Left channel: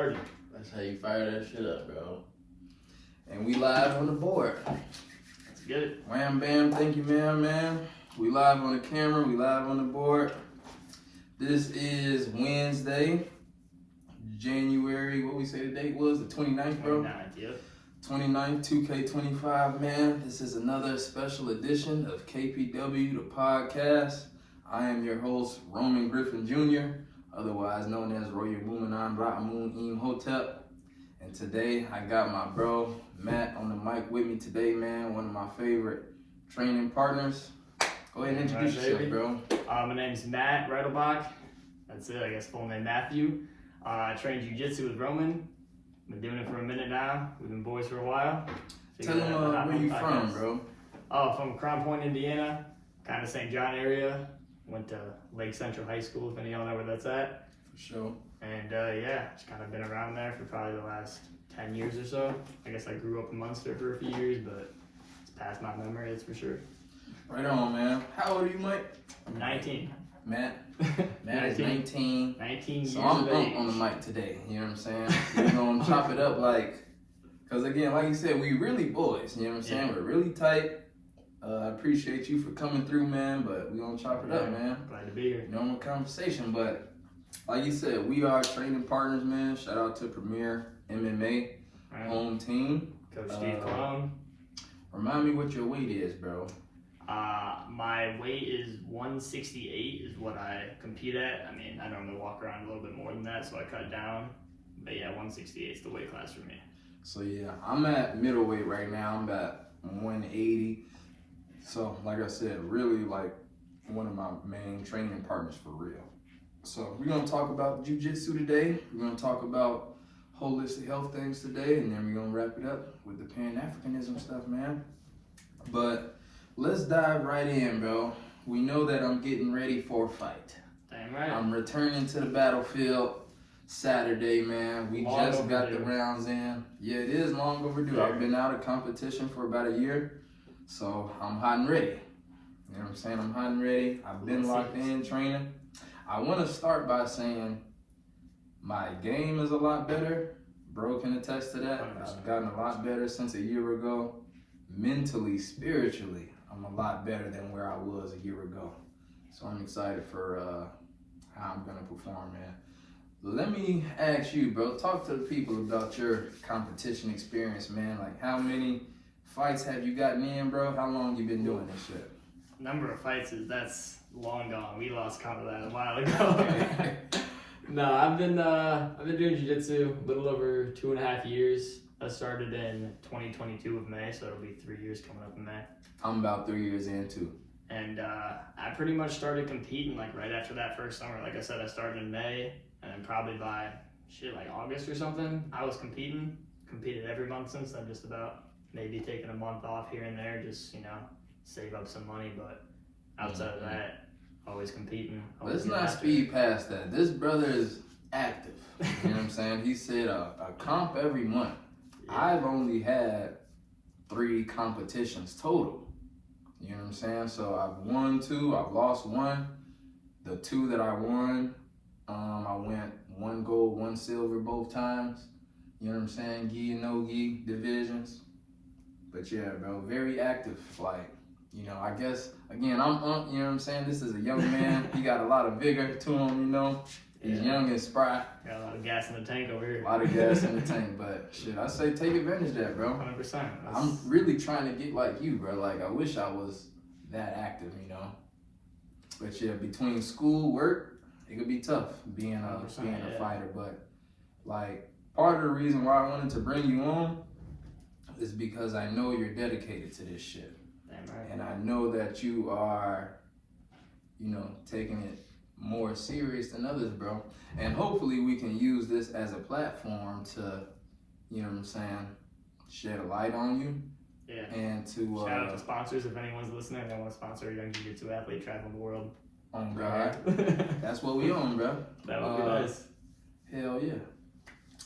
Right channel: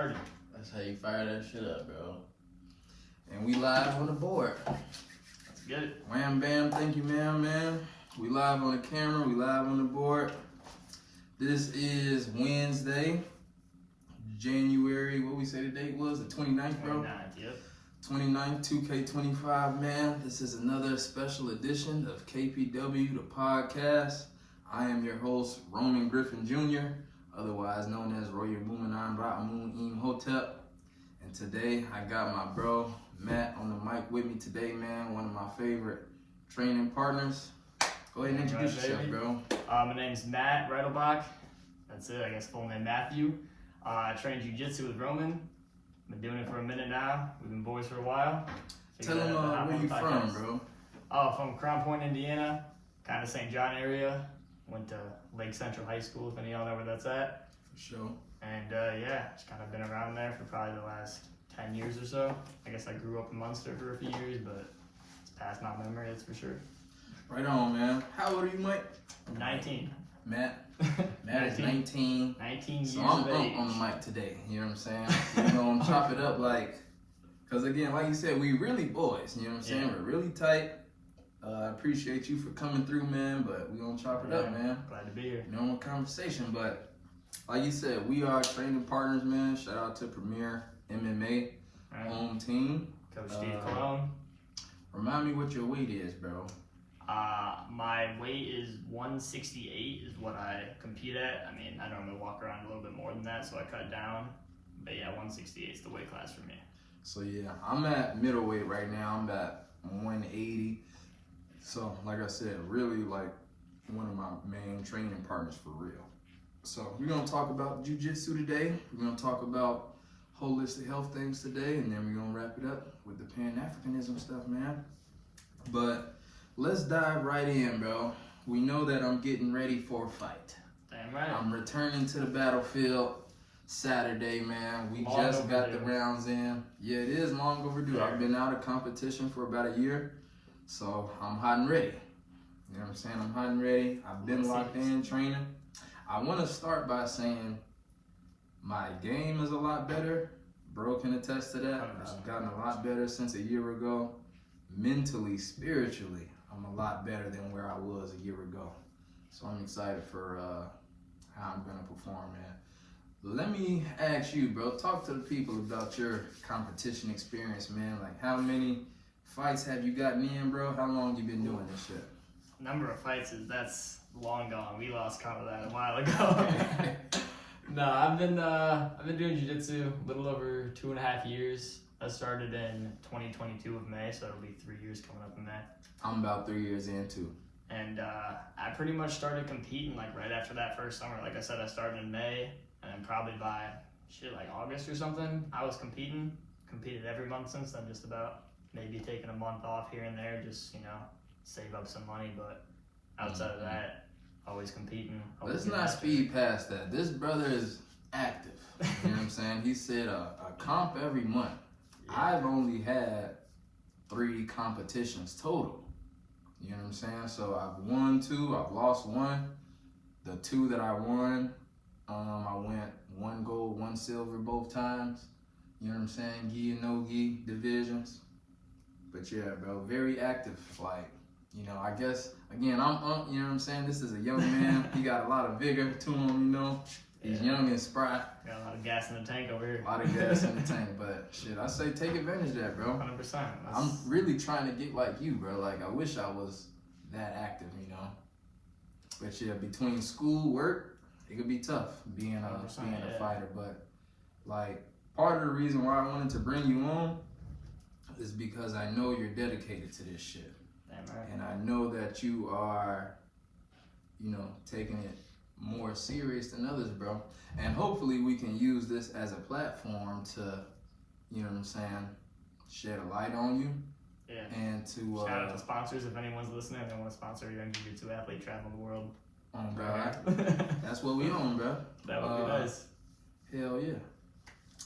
started. That's how you fire that shit up, bro. And we live on the board. Let's get it. Wham bam, thank you, man. We live on the camera, we live on the board. This is Wednesday, January, what we say the date was? The 29th, bro? 29th, yep. 29th, 2K25, man. This is another special edition of KPW, the podcast. I am your host, Roman Griffin Jr., otherwise known as Royer Boomanan Bra'amun Imhotep. And today, I got my bro, Matt, on the mic with me today, man. One of my favorite training partners. Go ahead and introduce yourself, bro. My name's Matt Reidelbach. That's it, I guess full name Matthew. I train jujitsu with Roman. Been doing it for a minute now. We've been boys for a while. Tell them where you from, bro. Oh, from Crown Point, Indiana. Kind of St. John area. Went to Lake Central High School, if any of y'all know where that's at. For sure. And yeah, just kind of been around there for probably the last 10 years or so. I guess I grew up in Munster for a few years, but it's past my memory, that's for sure. Right on, man. How old are you, Mike? I'm 19. Matt is 19. 19 years so I'm of age. on the mic today, you know what I'm saying? We're gonna chop it up because again, like you said, we really boys, you know what I'm saying? Yeah. We're really tight. I appreciate you for coming through, man, but we're gonna chop it up, man. Glad to be here. Normal conversation, but like you said, we are training partners, man. Shout out to Premier MMA home team. Coach Steve Cologne. Remind me what your weight is, bro. My weight is 168 is what I compete at. I mean, I normally walk around a little bit more than that, so I cut down. But yeah, 168 is the weight class for me. So yeah, I'm at middleweight right now. I'm at 180. So like I said, really like one of my main training partners for real. So we're gonna talk about jiu-jitsu today. We're gonna talk about holistic health things today, and then we're gonna wrap it up with the Pan-Africanism stuff, man. But let's dive right in, bro. We know that I'm getting ready for a fight. Damn right. I'm returning to the battlefield Saturday, man. We Long just got overdue. the rounds in. Yeah, it is long overdue. Yeah. I've been out of competition for about a year, so I'm hot and ready. You know what I'm saying? I'm hot and ready. I've been locked in training. I want to start by saying my game is a lot better. Bro can attest to that. 100%. I've gotten a lot better since a year ago. Mentally, spiritually, I'm a lot better than where I was a year ago. So I'm excited for how I'm gonna perform, man. Let me ask you, bro, talk to the people about your competition experience, man. Like, how many fights have you gotten in, bro? How long you been doing this shit? Number of fights that's long gone. We lost count of that a while ago. No, I've been doing jiu-jitsu a little over 2.5 years. I started in 2022 of May, so it'll be 3 years coming up in May. I'm about 3 years in too. And I pretty much started competing like right after that first summer. Like I said, I started in May, and probably by like August or something, I was competing. Competed every month since then, just about. Maybe taking a month off here and there, just save up some money. But outside of that, always competing. Let's not speed past that. This brother is active. You know what I'm saying? He said a comp every month. Yeah. I've only had 3 competitions total. You know what I'm saying? So I've won 2, I've lost 1. The 2 that I won, I went 1 gold, 1 silver both times. You know what I'm saying? Gi and no gi divisions. But yeah, bro, very active. Like, I guess, again, I'm, you know what I'm saying? This is a young man. He got a lot of vigor to him, He's young and spry. Got a lot of gas in the tank over here. A lot of gas in the tank, but shit, I say take advantage of that, bro. 100%. I'm really trying to get like you, bro. Like, I wish I was that active, But yeah, between school, work, it could be tough being a fighter. But like, part of the reason why I wanted to bring you on is because I know you're dedicated to this shit. Damn right. And I know that you are, taking it more serious than others, bro. And hopefully we can use this as a platform to, shed a light on you. Yeah. And to shout out to sponsors if anyone's listening. They want to sponsor a young jiu-jitsu athlete traveling the world. On God. That's what we on, bro. That would be nice. Hell yeah.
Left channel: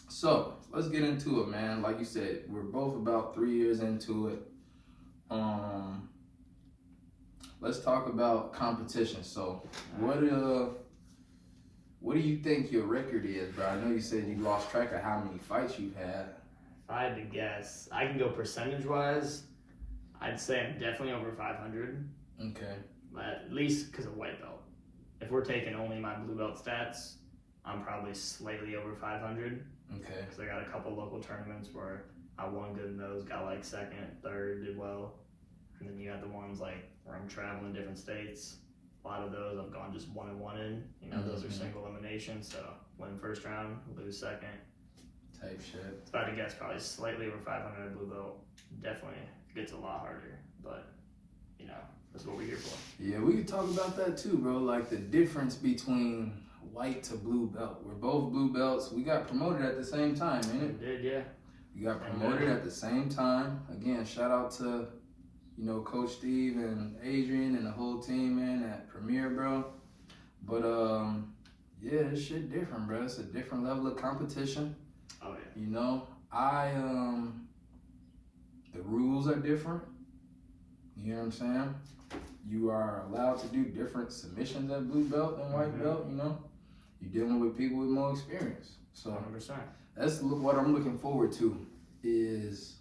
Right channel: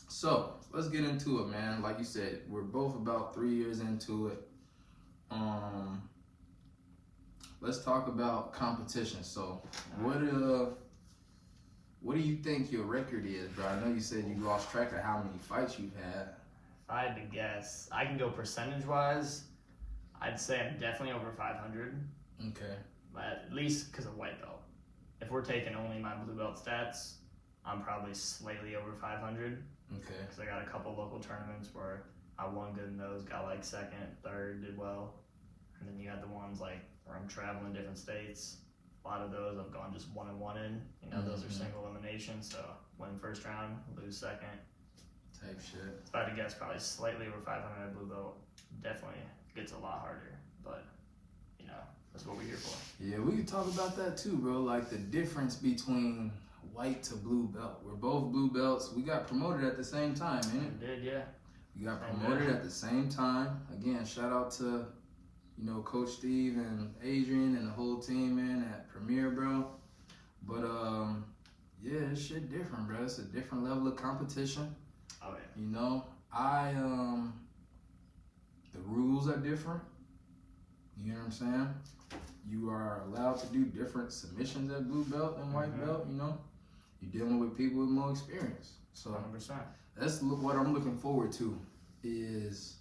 So let's get into it, man. Like you said, we're both about 3 years into it. Let's talk about competition. So What do you think your record is, bro? I know you said you lost track of how many fights you've had. If I had to guess, I can go percentage-wise. I'd say I'm definitely over 500. Okay. But at least because of white belt. If we're taking only my blue belt stats, I'm probably slightly over 500. Okay. Because I got a couple local tournaments where I won good in those, got like second, third, did well. And then you got the ones like where I'm traveling different states. A lot of those I've gone just 1-1 in. You know, those are single eliminations. So win first round, lose second. Type shit. If I had to guess, probably slightly over 500 at blue belt. Definitely gets a lot harder. But, you know, that's what we're here for. Yeah, we could talk about that too, bro. Like the difference between white to blue belt. We're both blue belts. We got promoted at the same time, ain't it? We did, yeah. We got promoted at the same time. Again, shout out to, you know, Coach Steve and Adrian and the whole team, man, at Premier, bro. But yeah, this shit different, bro. It's a different level of competition. Oh yeah. You know, the rules are different. You know what I'm saying? You are allowed to do different submissions at blue belt and white belt, you know? You're dealing with people with more experience. So 100%. that's what I'm looking forward to is,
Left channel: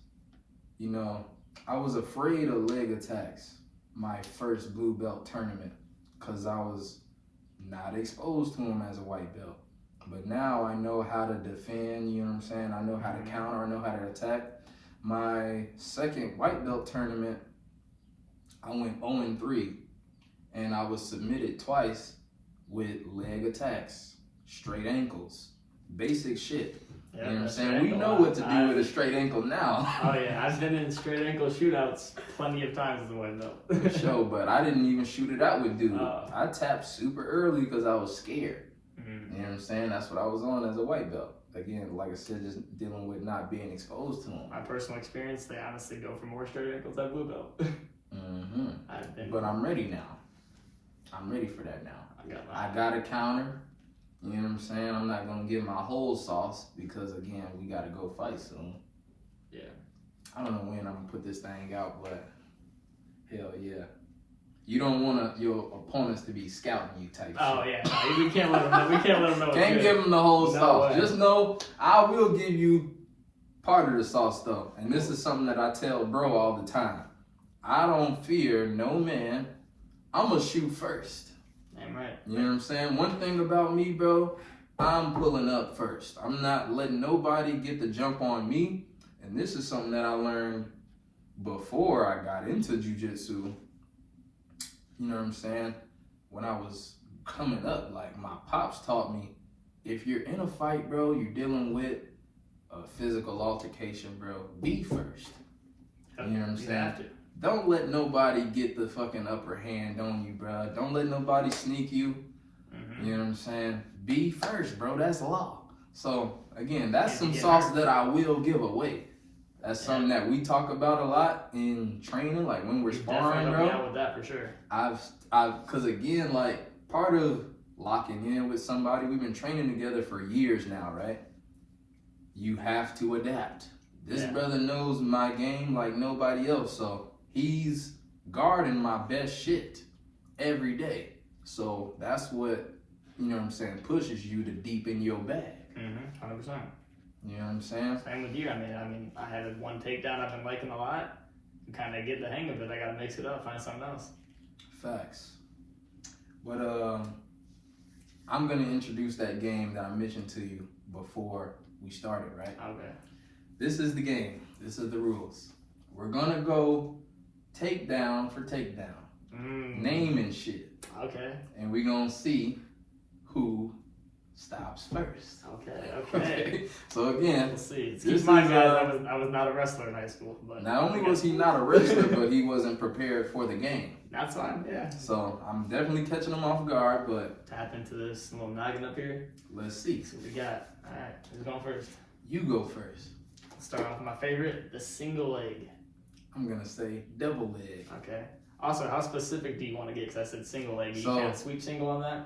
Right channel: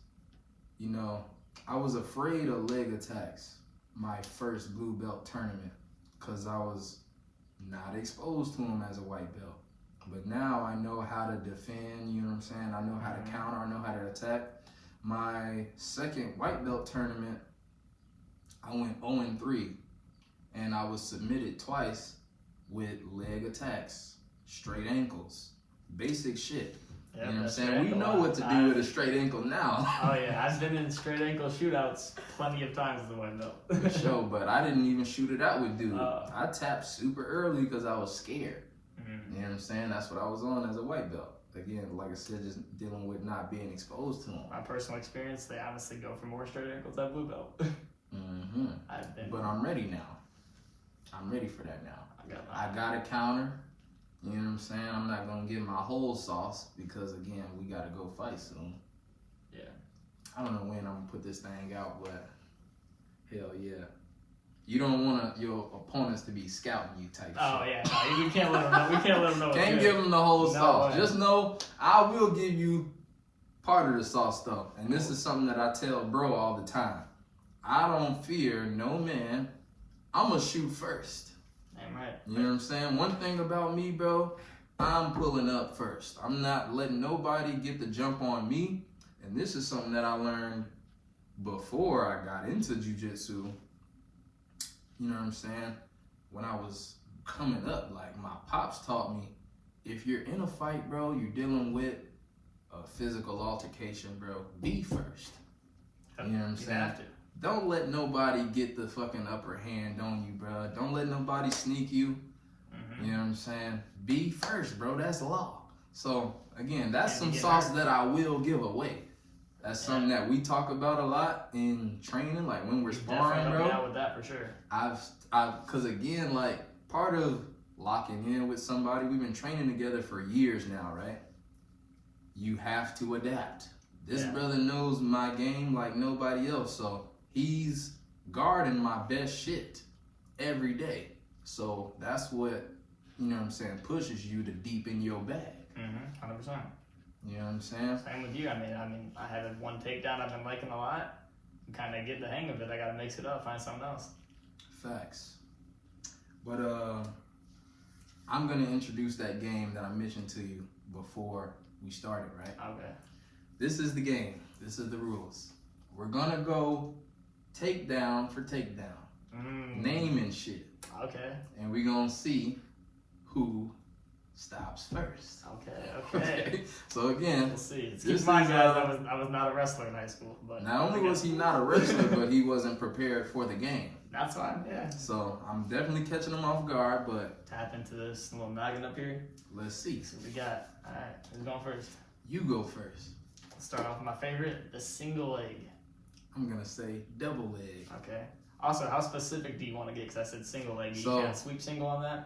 you know, I was afraid of leg attacks my first blue belt tournament because I was not exposed to them as a white belt. But now I know how to defend, you know what I'm saying? I know how to counter, I know how to attack. My second white belt tournament, I went 0-3, and I was submitted twice with leg attacks, straight ankles, basic shit. Yeah, you know what I'm saying? We know what to do with a straight ankle now. Oh yeah, I've been in straight ankle shootouts plenty of times as a white belt. For sure, but I didn't even shoot it out with dude. I tapped super early because I was scared. You know what I'm saying? That's what I was on as a white belt. Again, like I said, just dealing with not being exposed to them. My personal experience, they honestly go for more straight ankles at blue belt. But I'm ready now. I'm ready for that now. I got a counter. You know what I'm saying? I'm not going to get my whole sauce because, again, we got to go fight soon. Yeah. I don't know when I'm going to put this thing out, but hell yeah. You don't want your opponents to be scouting you type shit. Oh, yeah. No, we can't let them know. We can't let them know. Can't give them the whole sauce. Way. Just know I will give you part of the sauce, though. And this is something that I tell bro all the time. I don't fear no man. I'm going to shoot first. Damn right. You know what I'm saying? One thing about me, bro, I'm pulling up first. I'm not letting nobody get the jump on me. And this is something that I learned before I got into jiu-jitsu. You know what I'm saying? When I was coming up, like my pops taught me, if you're in a fight, bro, you're dealing with a physical altercation, bro, be first. You know what I'm saying? Have to. Don't let nobody get the fucking upper hand on you, bro. Don't let nobody sneak you. You know what I'm saying? Be first, bro. That's law. So, again, that's some sauce that I will give away. That's something that we talk about a lot in training, like when we're sparring, bro. Definitely with that for sure. Cause again, like part of locking in with somebody, we've been training together for years now, right? You have to adapt. This brother knows my game like nobody else, so he's guarding my best shit every day. So that's what, you know what I'm saying, pushes you to deepen your bag. 100%. You know what I'm saying? Same with you. I mean, I had one takedown I've been liking a lot. Kind of get the hang of it. I got to mix it up, find something else. Facts. But I'm gonna introduce that game that I mentioned to you before we started, right? Okay. This is the game. This is the rules. We're gonna go takedown for takedown. Name and shit. Okay. And we're gonna see who stops first. Okay. So again, we'll see. Keep in mind, guys, I was not a wrestler in high school. But not only was he not a wrestler, but he wasn't prepared for the game. That's fine, yeah. So I'm definitely catching him off guard, but tap into this little noggin up here. Let's see. See what we got. All right, who's going first? You go first. Let's start off with my favorite, the single leg. I'm gonna say double leg. Okay. Also, how specific do you want to get? Because I said single leg. You can't sweep single on that?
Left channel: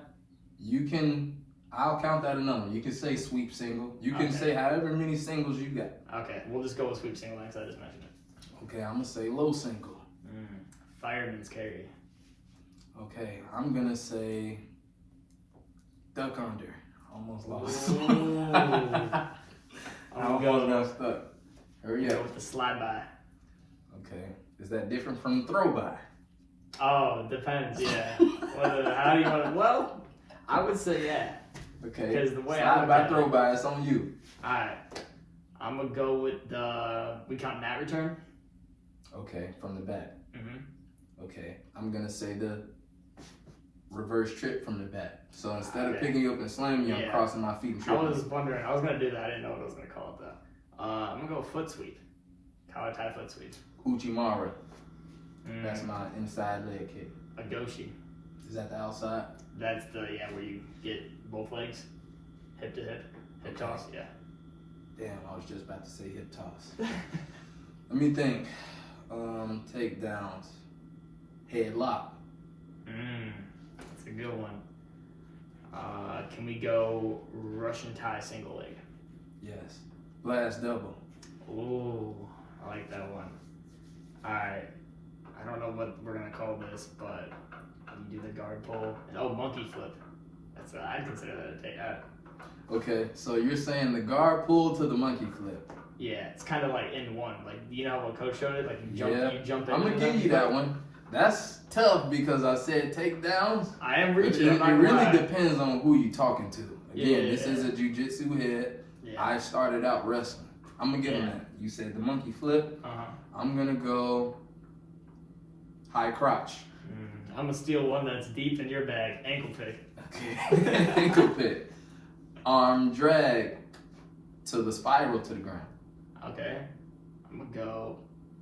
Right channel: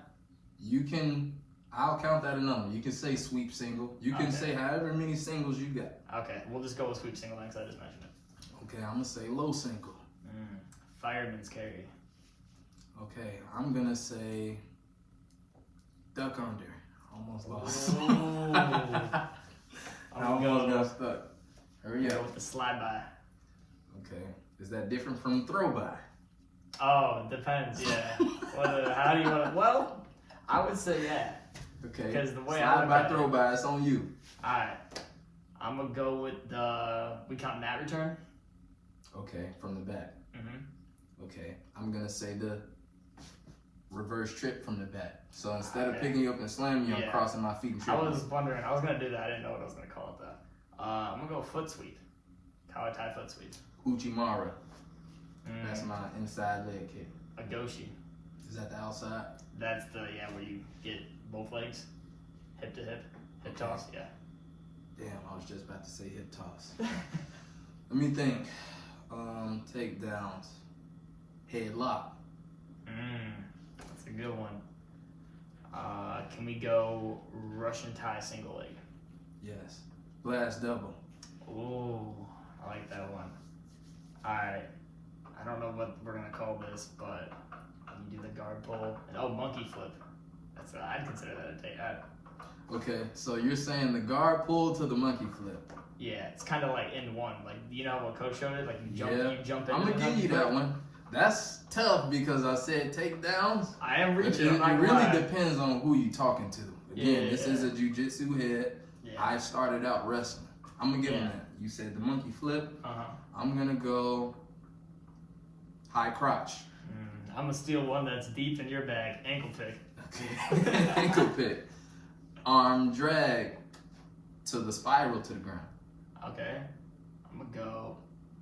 You can. I'll count that a number. You can say sweep single. You can say however many singles you got. Okay, we'll just go with sweep single because I just mentioned it. Okay, I'm gonna say low single. Fireman's carry. Okay, I'm gonna say duck under. Almost lost. Ooh. I I'm almost gonna got stuck. Hurry go up. with the slide by. Okay. Is that different from throw by? Oh, depends. Yeah. How do you want to? Well, I would say yeah. Okay. Because the way I slide look by, at throw it- by, it's on you. All right. I'm gonna go with the. We count mat return. Okay, from the back. Mm-hmm. Okay, I'm gonna say the reverse trip from the back. So instead of Okay. picking you up and slamming you, I'm Yeah. crossing my feet and I tripping. was wondering. I was gonna do that. I didn't know what I was gonna call it though. I'm gonna go foot sweep. Kawatai foot sweep. Uchimara. Mm, That's my inside leg kick. a goshi. Is that the outside? That's the where you get both legs, hip to hip, hip Okay. toss. Yeah. Damn, I was just about to say hip toss. Let me think. Takedowns. Headlock. That's a good one. Can we go Russian tie single leg? Yes. Blast double. Ooh, I like that one. Alright, I don't know what we're gonna call this, but you do the guard pull. Oh, monkey flip. I'd consider that a takeout. Okay, so you're saying the guard pull to the monkey flip. Yeah, it's kind of like in one. Like, you know what coach showed it? Like you jump, Yeah. you jump in. I'm gonna give you that one. That's tough because I said takedowns. I am But reaching. I'm not it gonna really lie. depends on who you talking to. Again, Yeah. this is a jujitsu head. Yeah. I started out wrestling. I'm gonna give him Yeah. that. You said the monkey flip. Uh huh. I'm gonna go high crotch. I'm gonna steal one that's deep in your bag. Ankle pick. Okay. Ankle pick. Arm drag to the spiral to the ground. Okay. I'm gonna go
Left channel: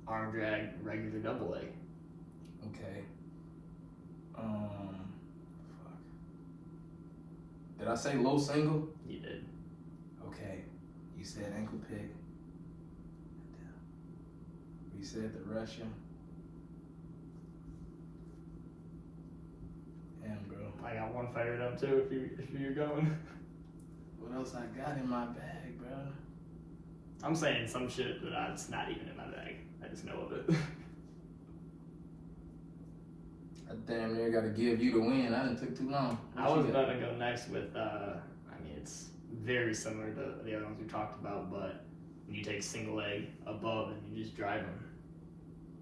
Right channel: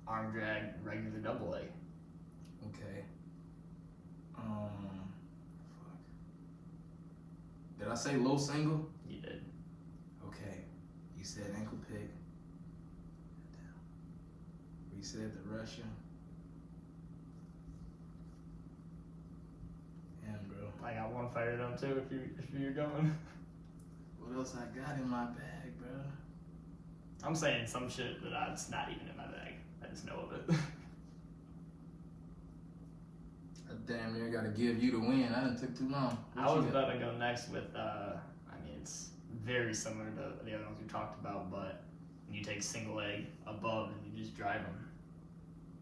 arm drag regular double leg. Okay. Fuck. Did I say low single? You did. Okay. You said ankle pick. We said the Russian. Damn, bro. I got one fired up too. If you're going. What else I got in my bag, bro? I'm saying some shit that's not even in my bag. I just know of it. I damn near got to give you the win. I didn't took too long. I What was you got? about to go next with. I mean, it's very similar to the other ones we talked about, but you take single leg above and you just drive them.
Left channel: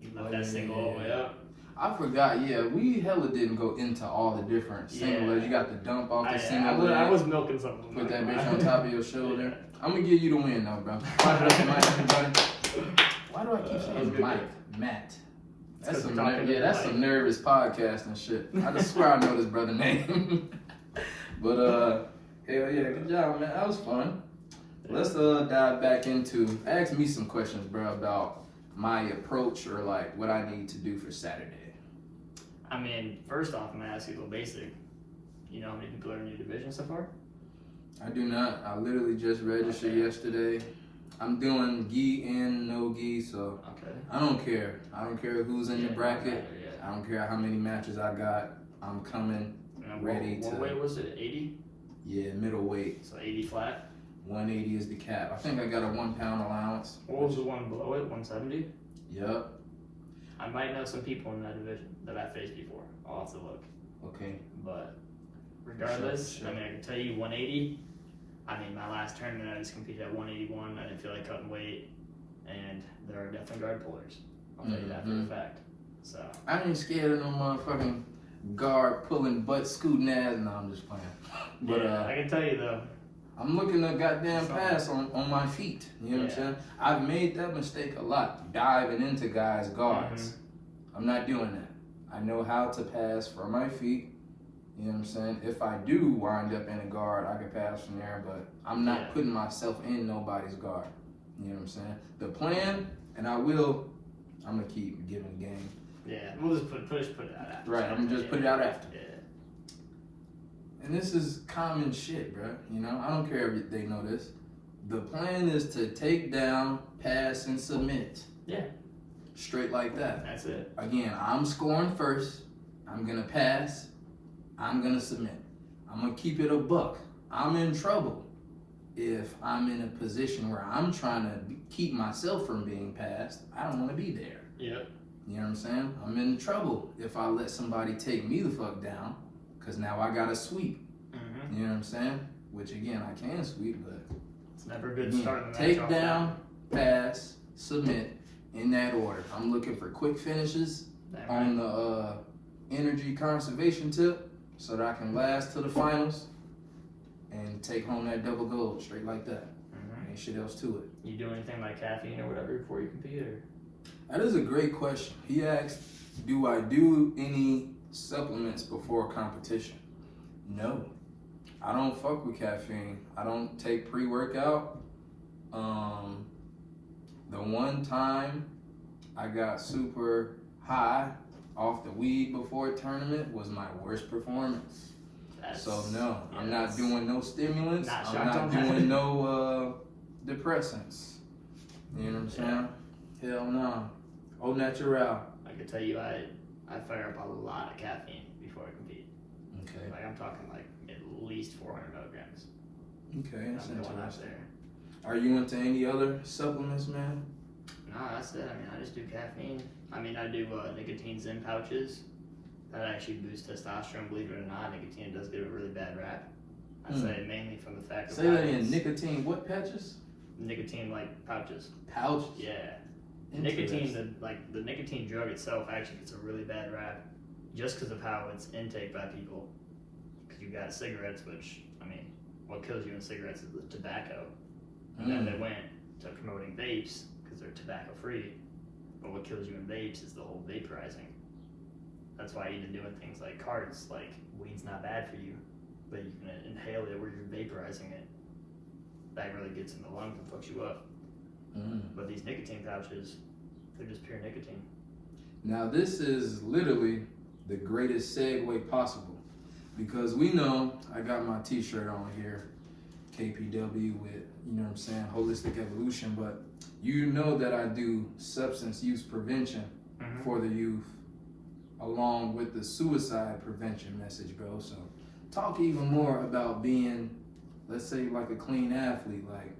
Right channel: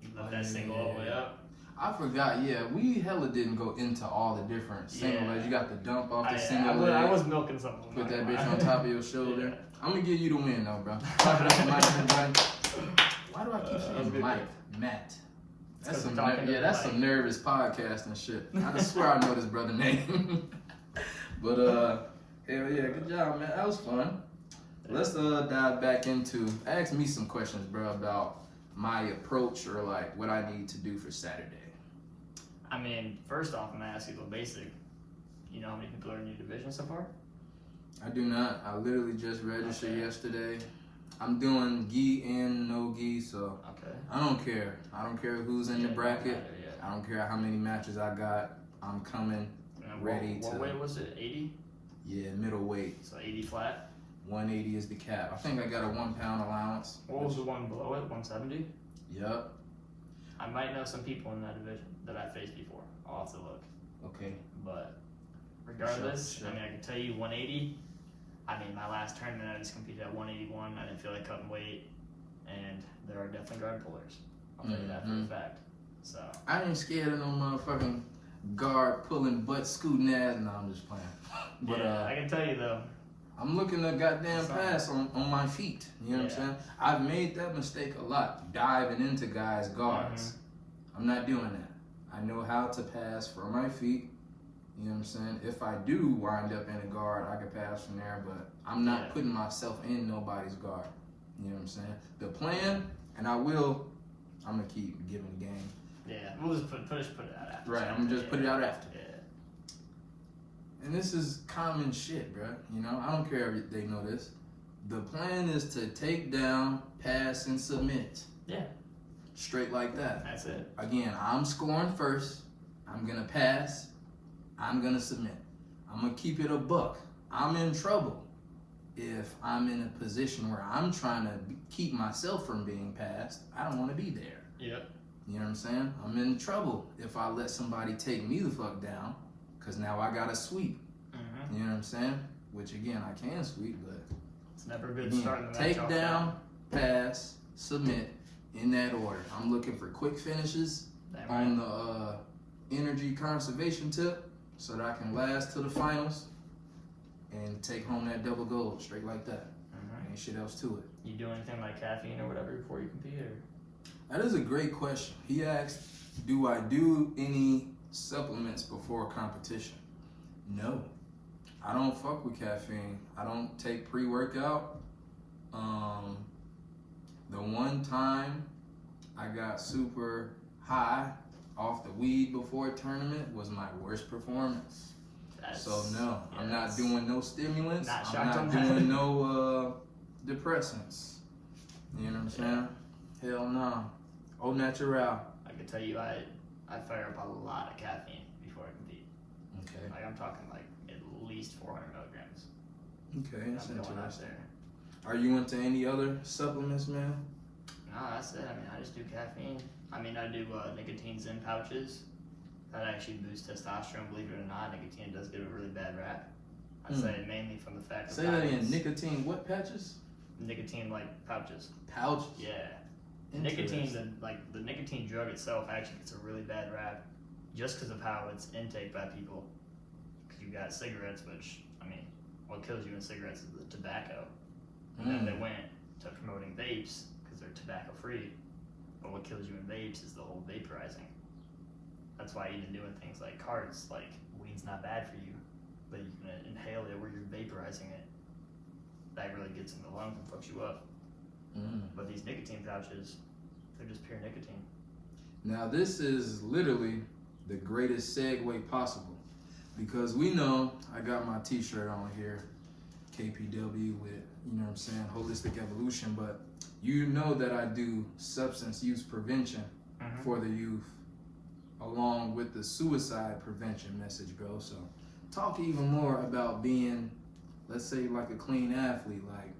You lift that single all the way up. I forgot. Yeah, we hella didn't go into all the different single Yeah. legs. You got the dump off the I single leg. was milking something. Put that bitch on top of your shoulder. Yeah. I'm gonna give you the win though, bro. Clap it up to Mike, everybody. Why do I keep saying good. Mike? Matt. That's 'cause some we're talking to that's Mike. some nervous podcast and shit. I just swear I know this brother name. But hell yeah, good job, man. That was fun. Let's dive back into ask me some questions, bro, about my approach or like what I need to do for Saturday. I mean, first off, I'm gonna ask you a little basic. You know how many people are in your division so far? I do not. I literally just registered Okay. yesterday. I'm doing gi and no gi, so Okay. I don't care. I don't care who's in the Yeah, bracket. yeah. I don't care how many matches I got. I'm coming. And Ready what to- weight was it? 80? Yeah, middleweight. So 80 flat. 180 is the cap. I think I got a 1 pound allowance. What was the one below it? 170? Yup. I might know some people in that division that I faced before. I'll have to look. Okay. But regardless, Sure. I mean, I can tell you 180. I mean, my last tournament, I just competed at 181. I didn't feel like cutting weight. And there are definitely guard pullers. I'll tell you that for a fact. So, I ain't scared of no motherfucking guard pulling butt scooting ass. No, I'm just playing. But yeah, I can tell you though. I'm looking to goddamn So- pass on my feet. You know what I'm Yeah. saying? I've made that mistake a lot, diving into guys' guards. I'm not doing that. I know how to pass from my feet. You know what I'm saying? If I do wind up in a guard, I can pass from there, but I'm not Yeah. putting myself in nobody's guard. You know what I'm saying? The plan, and I'm gonna keep giving the game. Yeah, we'll just put it out after. Right, I'm gonna just put it out after. Yeah. And this is common shit, bro. You know, I don't care if they know this. The plan is to take down, pass, and submit. Yeah. Straight like that. That's it. Again, I'm scoring first. I'm gonna pass. I'm gonna submit. I'm gonna keep it a buck. I'm in trouble if I'm in a position where I'm trying to keep myself from being passed. I don't want to be there. Yep. You know what I'm saying? I'm in trouble if I let somebody take me the fuck down, because now I got to sweep. Mm-hmm. You know what I'm saying? which again I can sweep, but It's never good again, starting the match take off down, pass, submit in that order. I'm looking for quick finishes that. on the energy conservation tip so that I can last to the finals and take home that double gold straight like that. Ain't shit else to it. You do anything like caffeine or whatever before you compete? Or? That is a great question. He asked, do I do any supplements before competition? No. I don't fuck with caffeine. I don't take pre-workout. The one time I got super high off the weed before a tournament was my worst performance. So no, yeah, I'm not doing no stimulants. I'm not that. doing no depressants. You know what I'm saying? Hell no. Au natural. I can tell you, I fire up a lot of caffeine before I compete. Okay. Like I'm talking like at least 400 milligrams. Okay, that's I'm going out interesting. there. Are you into any other supplements, man? No, that's it. I mean, I just do caffeine. I mean, I do nicotine Zen pouches. That actually boosts testosterone. Believe it or not, nicotine does get a really bad rap. I say mainly from the fact of Say that in nicotine. What patches? nicotine like pouches. Pouches. Yeah. Nicotine, the nicotine drug itself actually gets a really bad rap just because of how it's intake by people. Because you got cigarettes, which, I mean, what kills you in cigarettes is the tobacco. And then they went to promoting vapes because they're tobacco free. But what kills you in vapes is the whole vaporizing. That's why even doing things like carts, like weed's not bad for you, but you can inhale it where you're vaporizing it. That really gets in the lungs and fucks you up. But these nicotine pouches, they're just pure nicotine. Now this is literally the greatest segue possible because we know I got my t-shirt on here, KPW with, you know what I'm saying, holistic evolution, but you know that I do substance use prevention for the youth along with the suicide prevention message, bro. So talk even more about being, let's say, like a clean athlete. Like,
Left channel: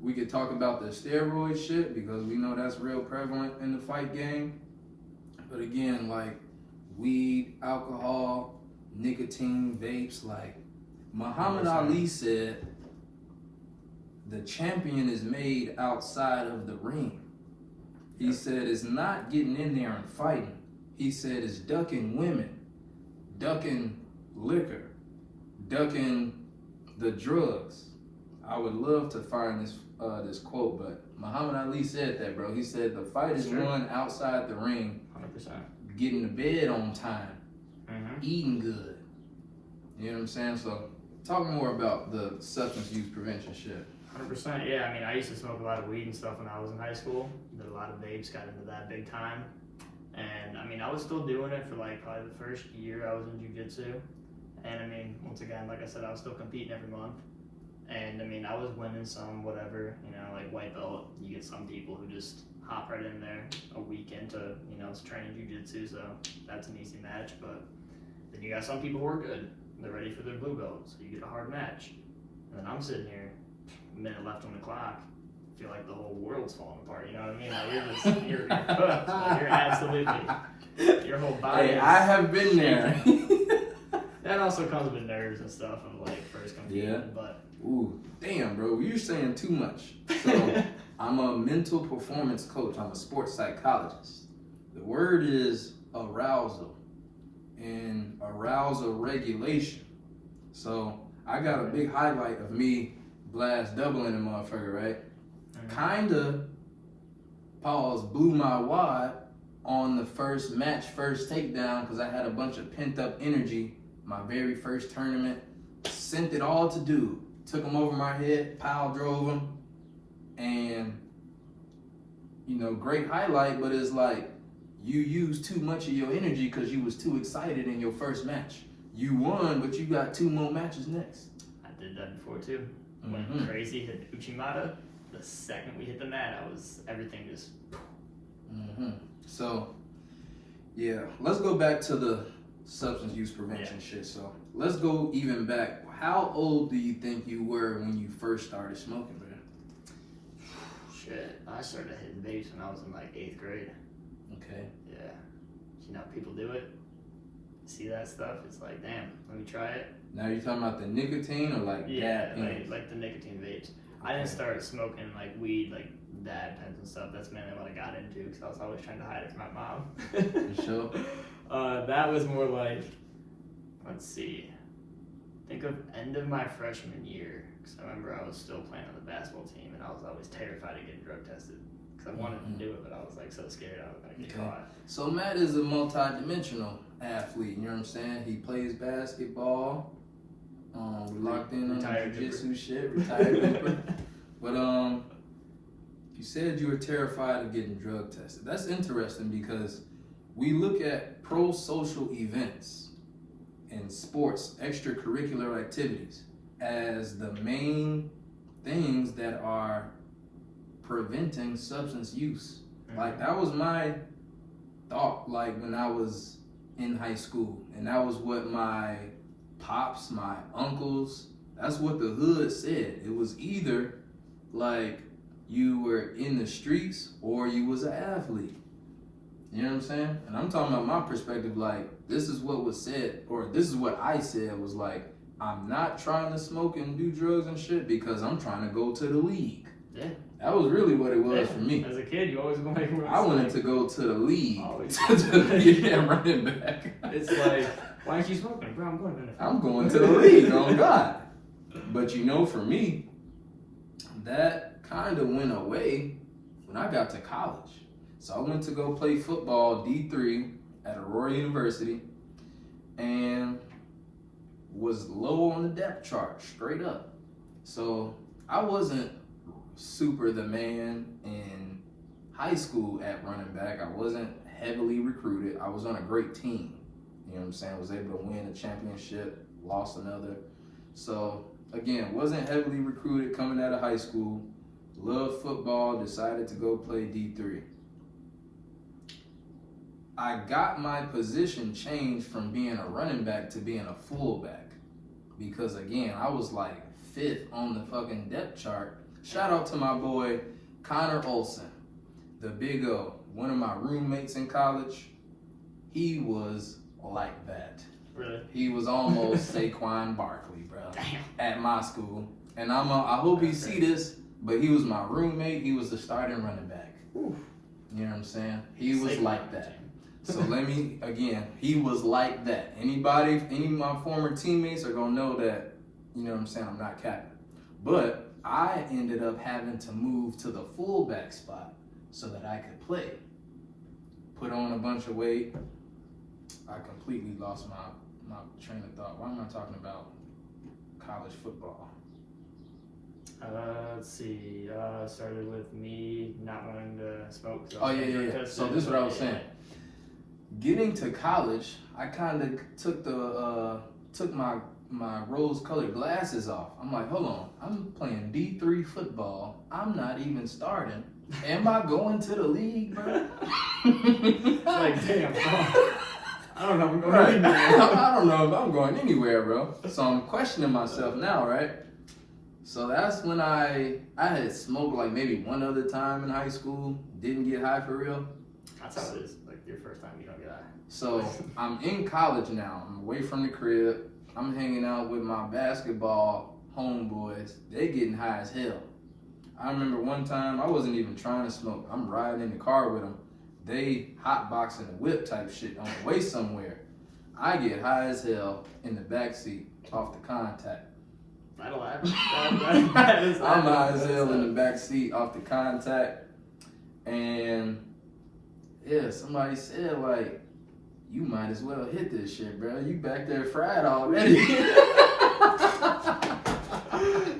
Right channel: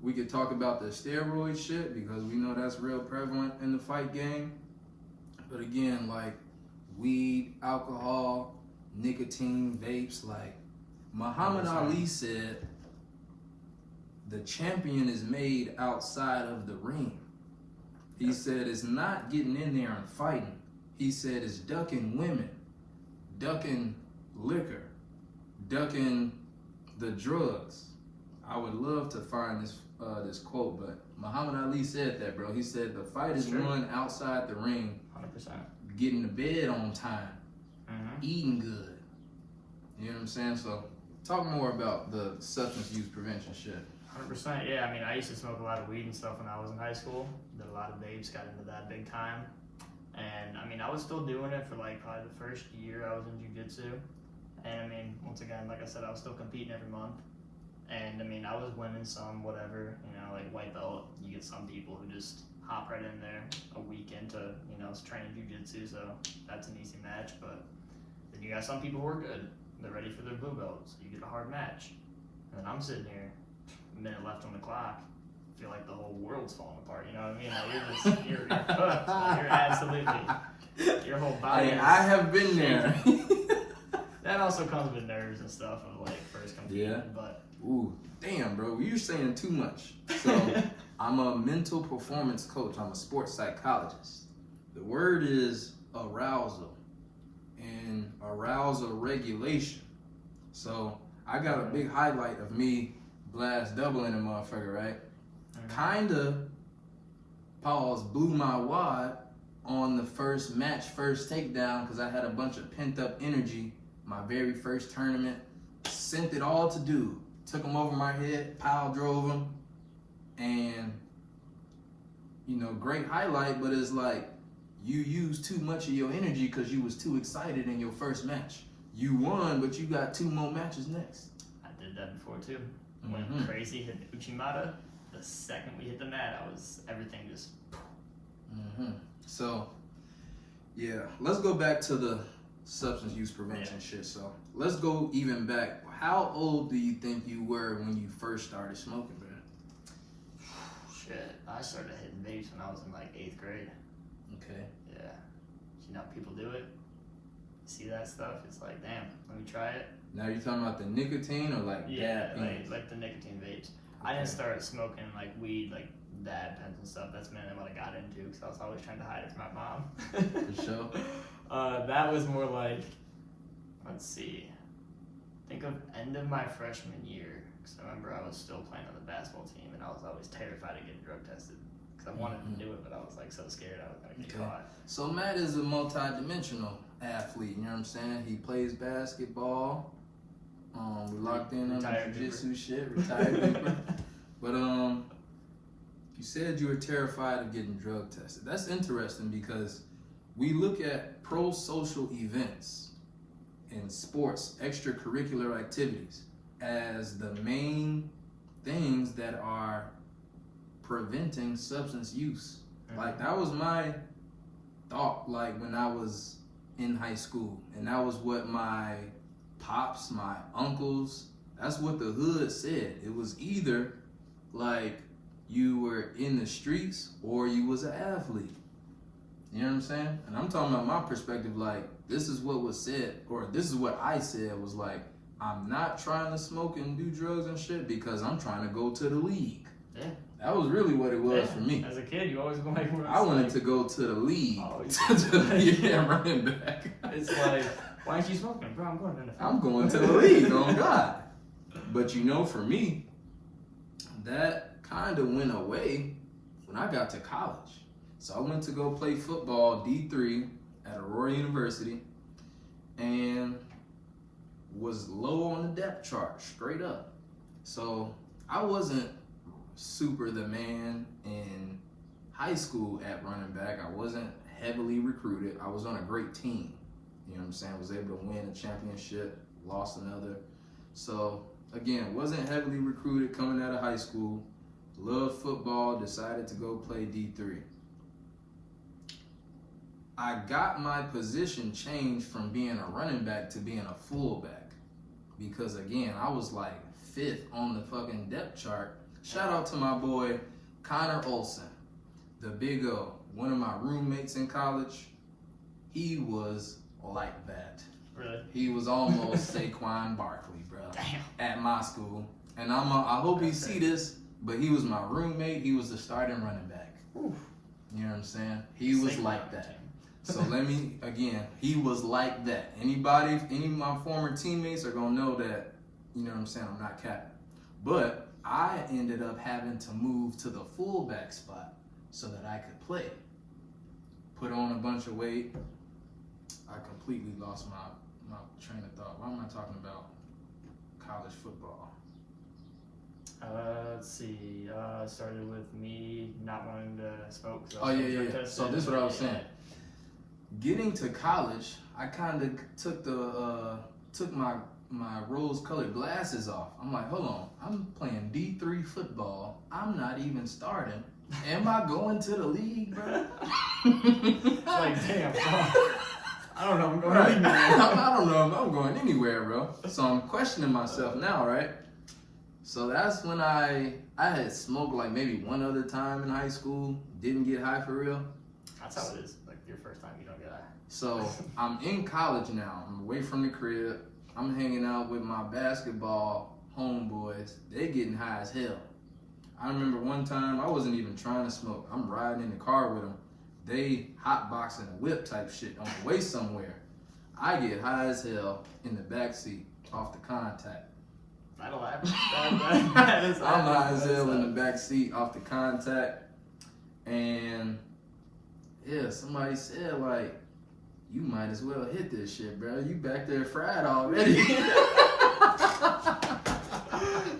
we could talk about the steroid shit because we know that's real prevalent in the fight game. But again, like weed, alcohol, nicotine, vapes, like Muhammad Ali said, the champion is made outside of the ring. He said it's not getting in there and fighting. He said it's ducking women, ducking liquor, ducking the drugs. I would love to find this quote, but Muhammad Ali said that, bro. He said the fight is won outside the ring, 100%. getting to bed on time, eating good. You know what I'm saying? So talk more about the substance use prevention shit. 100%, yeah. I mean, I used to smoke a lot of weed and stuff when I was in high school. Did a lot of vapes, got into that big time. And I mean, I was still doing it for like probably the first year I was in jiu-jitsu. And I mean, once again, like I said, I was still competing every month. And I mean, I was winning some, whatever, you know, like white belt. You get some people who just hop right in there a week into, you know, training jiu-jitsu, so that's an easy match. But then you got some people who are good. They're ready for their blue belt, so you get a hard match. And then I'm sitting here, a minute left on the clock, feel like the whole world's falling apart, you know what I mean? Like you're cooked. Like you're absolutely, your whole body Hey, I have been there. That also comes with nerves and stuff of like first competing, but. Ooh, damn, bro, you're saying too much. So I'm a mental performance coach. I'm a sports psychologist. The word is arousal and arousal regulation. So I got a big highlight of me blast doubling a motherfucker, right? Kinda, pause, blew my wad on the first match, first takedown, because I had a bunch of pent up energy. My very first tournament, sent it all to dude. Took him over my head, pile drove him, and you know, great highlight, but it's like you used too much of your energy because you was too excited in your first match. You won, but you got 2 more matches next. I did that before too. Went crazy, hit Uchimata. The second we hit the mat, everything just. So, yeah, let's go back to the substance use prevention shit. So let's go even back. How old do you think you were when you first started smoking, man? Shit, I started hitting vapes when I was in like 8th grade. Okay. Yeah. You know, people do it. See that stuff, it's like, damn, let me try it. Now you're talking about the nicotine or like Yeah, dab pens? like the nicotine vapes. I didn't start smoking like weed, like dab pens and stuff. That's mainly what I got into because I was always trying to hide it from my mom. For sure. That was more like, let's see, think of end of my freshman year. Because I remember I was still playing on the basketball team and I was always terrified of getting drug tested. Because I wanted to do it, but I was like so scared I was going to get caught. So Matt is a multi-dimensional athlete, you know what I'm saying? He plays basketball. We locked in on the jiu-jitsu shit, retired Cooper. But you said you were terrified of getting drug tested. That's interesting because we look at pro-social events and sports, extracurricular activities, as the main things that are preventing substance use. Mm-hmm. Like that was my thought, like when I was in high school, and that was what my pops, my uncles, that's what the hood said. It was either like you were in the streets or you was an athlete. You know what I'm saying? And I'm talking about my perspective, like this is what was said, or this is what I said was like, I'm not trying to smoke and do drugs and shit because I'm trying to go to the league. Yeah. That was really what it was for me. As a kid, you always want to make I wanted to go to the league. Running back. It's like, why aren't you smoking? Bro, I'm going to the I'm going to the league, on God. But you know, for me, that kind of went away when I got to college. So I went to go play football D3 at Aurora University and was low on the depth chart, straight up. So I wasn't super the man in high school at running back. I wasn't heavily recruited. I was on a great team. You know what I'm saying? I was able to win a championship, lost another. So again, wasn't heavily recruited coming out of high school. Loved football, decided to go play D3. I got my position changed from being a running back to being a fullback. Because again, I was like 5th on the fucking depth chart. Shout out to my boy, Connor Olson, the Big O, one of my roommates in college. He was like that. Really? He was almost Saquon Barkley, bro. Damn. At my school. And I hope he see this, but he was my roommate. He was the starting running back. Oof. You know what I'm saying? He was Saquon like that. So he was like that. Any of my former teammates are gonna know that, you know what I'm saying, I'm not capping. But I ended up having to move to the fullback spot so that I could play. Put on a bunch of weight. I completely lost my train of thought. Why am I talking about college football? Let's see. Started with me not wanting to smoke. So yeah. So this is what I was saying. Getting to college, I kind of took my rose-colored glasses off. I'm like, hold on, I'm playing D3 football. I'm not even starting. Am I going to the league, bro? Like, damn, bro. I don't know if I'm going anywhere. I don't know if I'm going anywhere, bro. So I'm questioning myself now, right? So that's when I had smoked like maybe one other time in high school. Didn't get high for real. That's how it is. Like your first time, you don't get high. So I'm in college now. I'm away from the crib. I'm hanging out with my basketball homeboys. They getting high as hell. I remember one time I wasn't even trying to smoke. I'm riding in the car with them. They hotboxing a whip type shit on the way somewhere. I get high as hell in the backseat off the contact. That'll happen. I'm high as hell in the backseat off the contact. And yeah, somebody said like, you might as well hit this shit, bro. You back there fried already.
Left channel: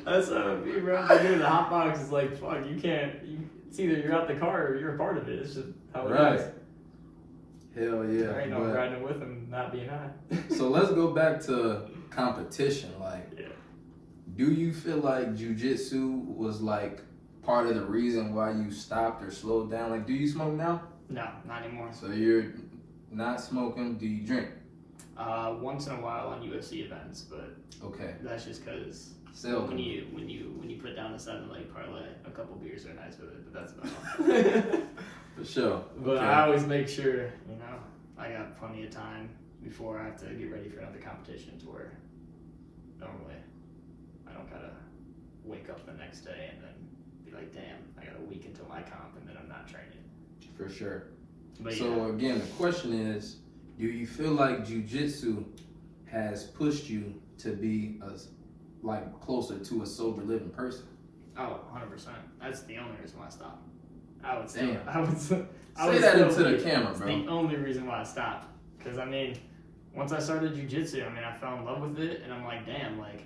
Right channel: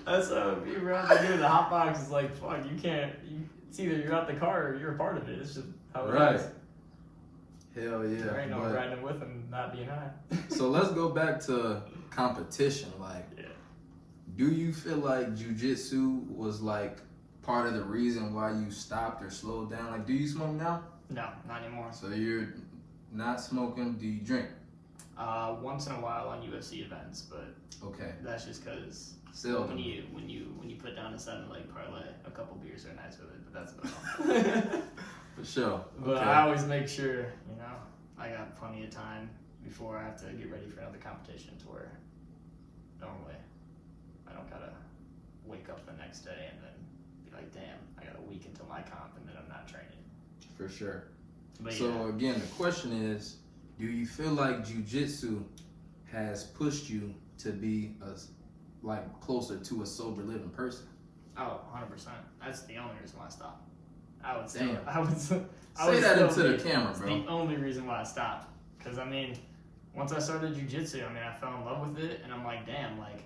That's how it be, bro. If you're doing the hot box, it's like, fuck, you can't. It's either you're out the car or you're a part of it. It's just how it is. Hell yeah. There ain't no riding with them not being high. So let's go back to competition. Like, do you feel like jujitsu was like part of the reason why you stopped or slowed down? Like, do you smoke now? No, not anymore. So you're not smoking. Do you drink? Once in a while on UFC events, but okay, that's just because when you put down a 7-leg parlay, a couple beers are nice with it, but that's about all. For sure. But I always make sure, I got plenty of time before I have to get ready for another competition to where normally I don't gotta wake up the next day and then be like, damn, I got a week until my comp and then I'm not training. For sure. But so yeah, again, the question is, do you feel like jiu-jitsu has pushed you to be closer to a sober living person? oh, 100%. That's the only reason why I stopped. I would say, Damn. I would say Say that into the camera, it's bro. the only reason why I stopped. Because, I mean, once I started jiu-jitsu, I mean, I fell in love with it, and I'm like, damn, like,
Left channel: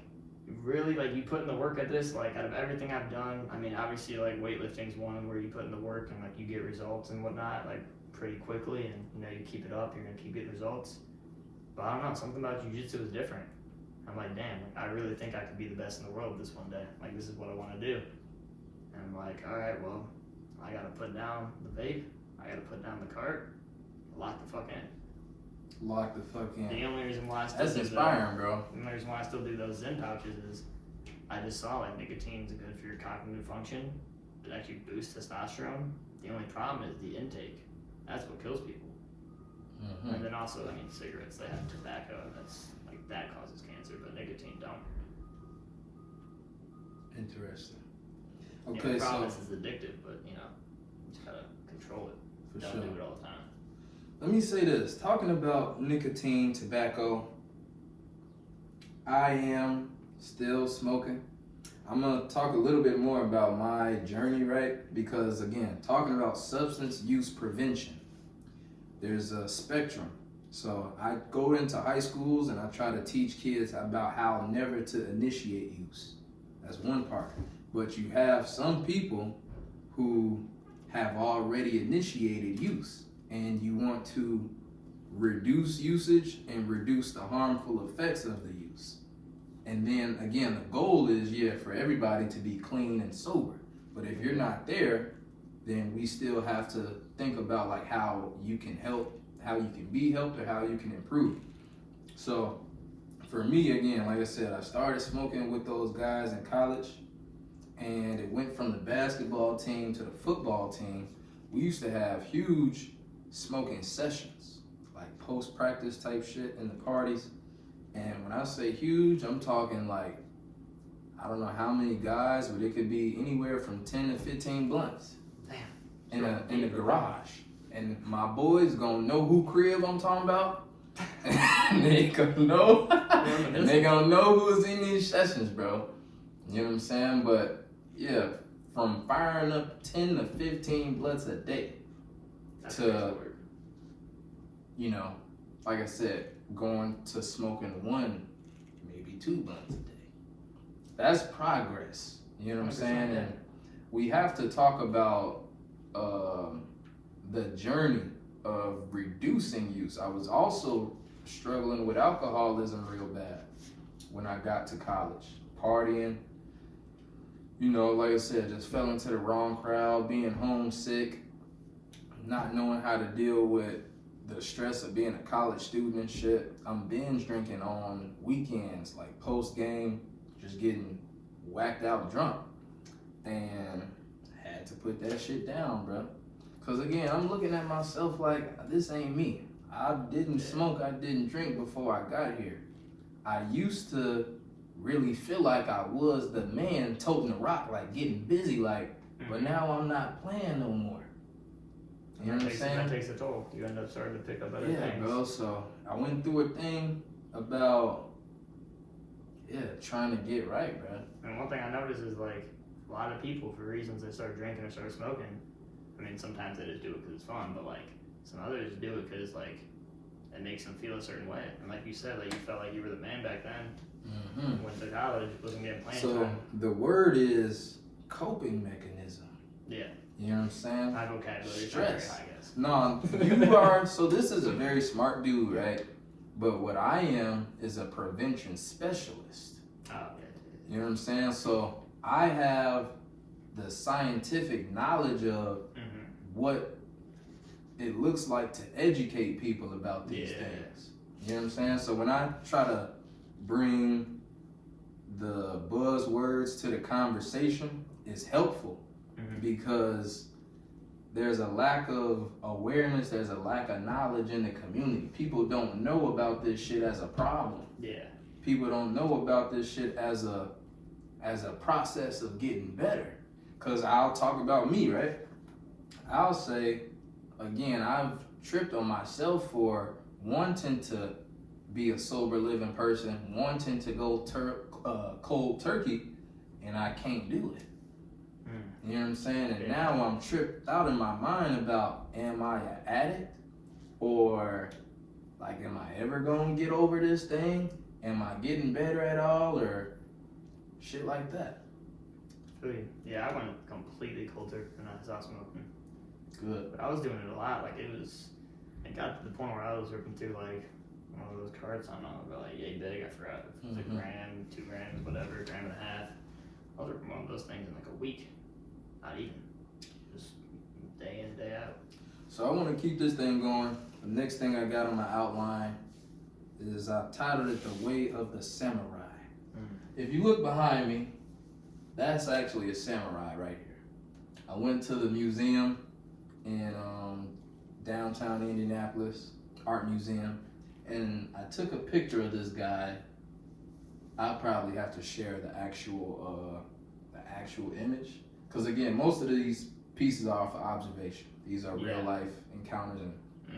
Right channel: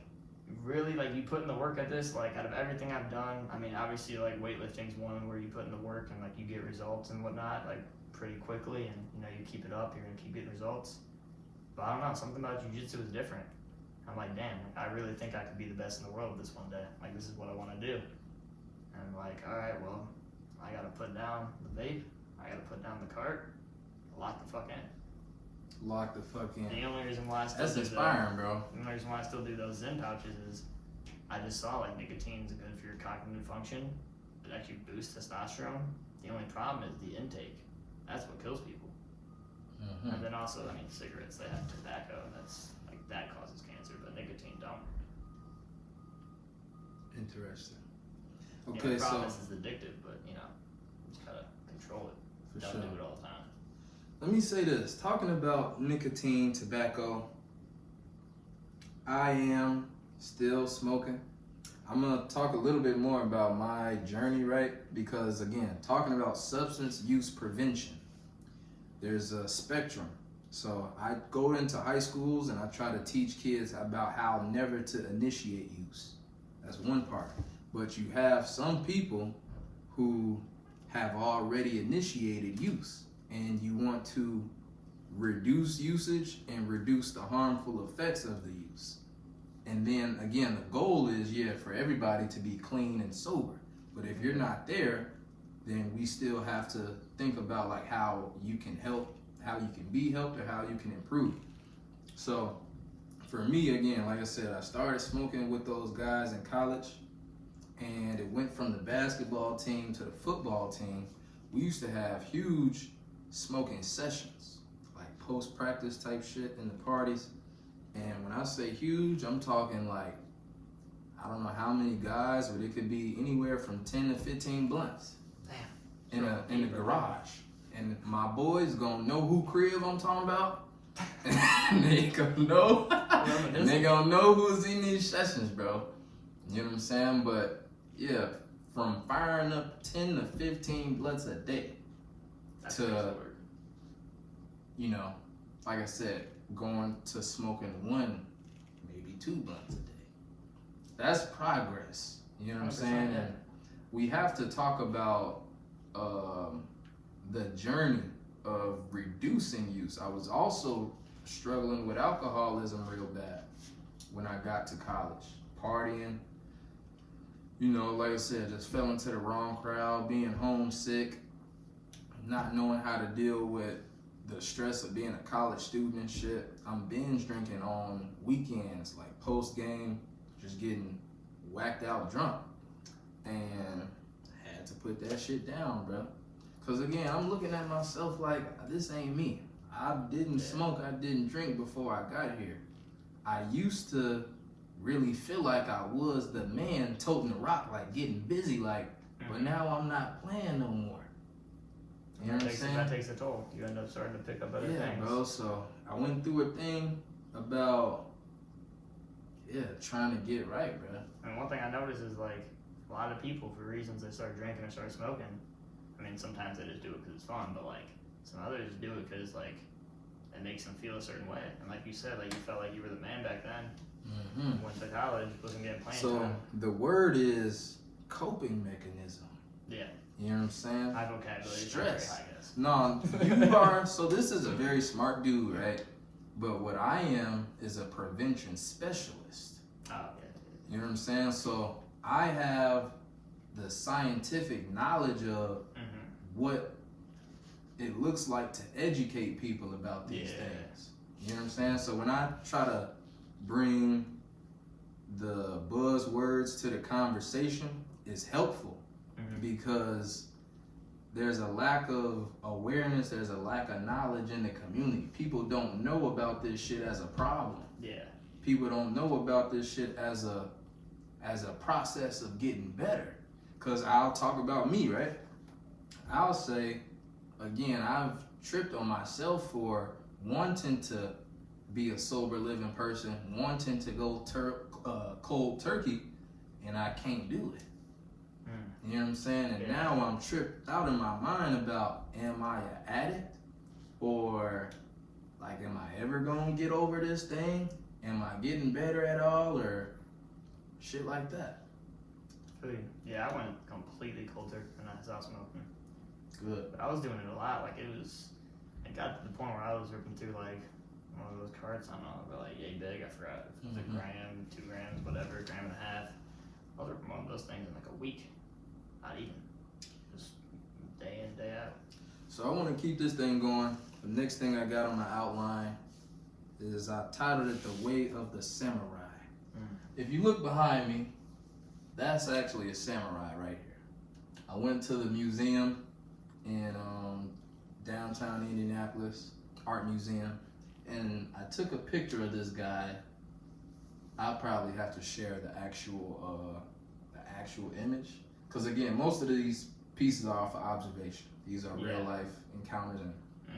really, like, you put in the work at this, like, out of everything I've done, I mean, obviously, like, weightlifting's one where you put in the work and, like, you get results and whatnot, like, pretty quickly, and, you know, you keep it up, you're gonna keep getting results. But I don't know, something about jiu-jitsu is different. I'm like, damn, like, I really think I could be the best in the world this one day. Like, this is what I want to do. And I'm like, all right, well, I gotta put down the vape, I gotta put down the cart, lock the fuck in. Lock the fuck in. The only reason why I still That's do inspiring, bro. The only reason why I still do those Zen pouches is I just saw like nicotine's good for your cognitive function. It actually boosts testosterone. The only problem is the intake. That's what kills people. Mm-hmm. And then also, I mean, cigarettes, they have tobacco, and that's like that causes cancer, but nicotine don't. Interesting. Yeah, Okay, the problem so is it's addictive, but you know, you just gotta control it. for Don't sure. do it all the time. Let me say this. Talking about nicotine, tobacco, I am still smoking. I'm going to talk a little bit more about my journey, right? Because, again, talking about substance use prevention, there's a spectrum. So I go into high schools and I try to teach kids about how never to initiate use. That's one part. But you have some people who have already initiated use, and you want to reduce usage and reduce the harmful effects of the use. And then again, the goal is, for everybody to be clean and sober. But if you're not there, then we still have to think about like how you can help, how you can be helped, or how you can improve. So for me, again, like I said, I started smoking with those guys in college, and it went from the basketball team to the football team. We used to have huge smoking sessions, like post-practice type shit in the parties. And when I say huge, I'm talking like, I don't know how many guys, but it could be anywhere from 10 to 15 blunts. Damn. In the garage. And my boys gonna know who crib I'm talking about. And they gonna know. And they gonna know who's in these sessions, bro. You know what I'm saying? But yeah, from firing up 10 to 15 blunts a day That's to, crazy work. you know, like I said, going to smoking 1, maybe 2 blunts a day. That's progress. You know what I'm saying? Yeah. And we have to talk about the journey of reducing use. I was also struggling with alcoholism real bad when I got to college, partying. You know, like I said, just fell into the wrong crowd, being homesick, not knowing how to deal with the stress of being a college student and shit. I'm binge drinking on weekends, like post game, just getting whacked out drunk. And I had to put that shit down, bro. Cause again, I'm looking at myself like, this ain't me. I didn't smoke, I didn't drink before I got here. I used to really feel like I was the man toting the rock, like getting busy, like, but now I'm not playing no more. You know what I'm saying? That takes a toll. You end up starting to pick up other Yeah, things. bro. So I went through a thing about, trying to get right, bro. And one thing I noticed is like a lot of people, for reasons they start drinking or start smoking, I mean, sometimes they just do it because it's fun, but like some others do it because like it makes them feel a certain way. And like you said, like you felt like you were the man back then. Mm-hmm. Went to college, wasn't getting playing So time. the word is coping mechanism. Yeah, You know what I'm saying? my vocabulary is not very Stress. high, I guess. No, you are. So this is a very smart dude, right? But what I am is a prevention specialist. Oh, yeah. You know what I'm saying? So I have the scientific knowledge of what it looks like to educate people about these things. You know what I'm saying? So when I try to bring the buzzwords to the conversation, it's helpful because there's a lack of awareness, there's a lack of knowledge in the community. People don't know about this shit as a problem. Yeah. people don't know about this shit as a process of getting better. Cause I'll talk about me, right? I'll say, again, I've tripped on myself for wanting to be a sober living person, wanting to go cold turkey, and I can't do it. You know what I'm saying? And now I'm tripped out in my mind about, am I an addict? Or like, am I ever gonna get over this thing? Am I getting better at all? Or shit like that. Yeah, I went completely cold turkey when I stopped smoking. Good. But I was doing it a lot. Like, it got to the point where I was ripping through like one of those carts. I don't know, about like yay big. I forgot if it was a gram, 2 grams, whatever, gram and a half. I was ripping one of those things in like a week. Not even. Just day in, day out. So I want to keep this thing going. The next thing I got on my outline is I titled it The Way of the Samurai. If you look behind me, that's actually a samurai right here. I went to the museum in downtown Indianapolis, art museum, and I took a picture of this guy. I'll probably have to share the actual image, because again, most of these pieces are for observation. These are real life encounters and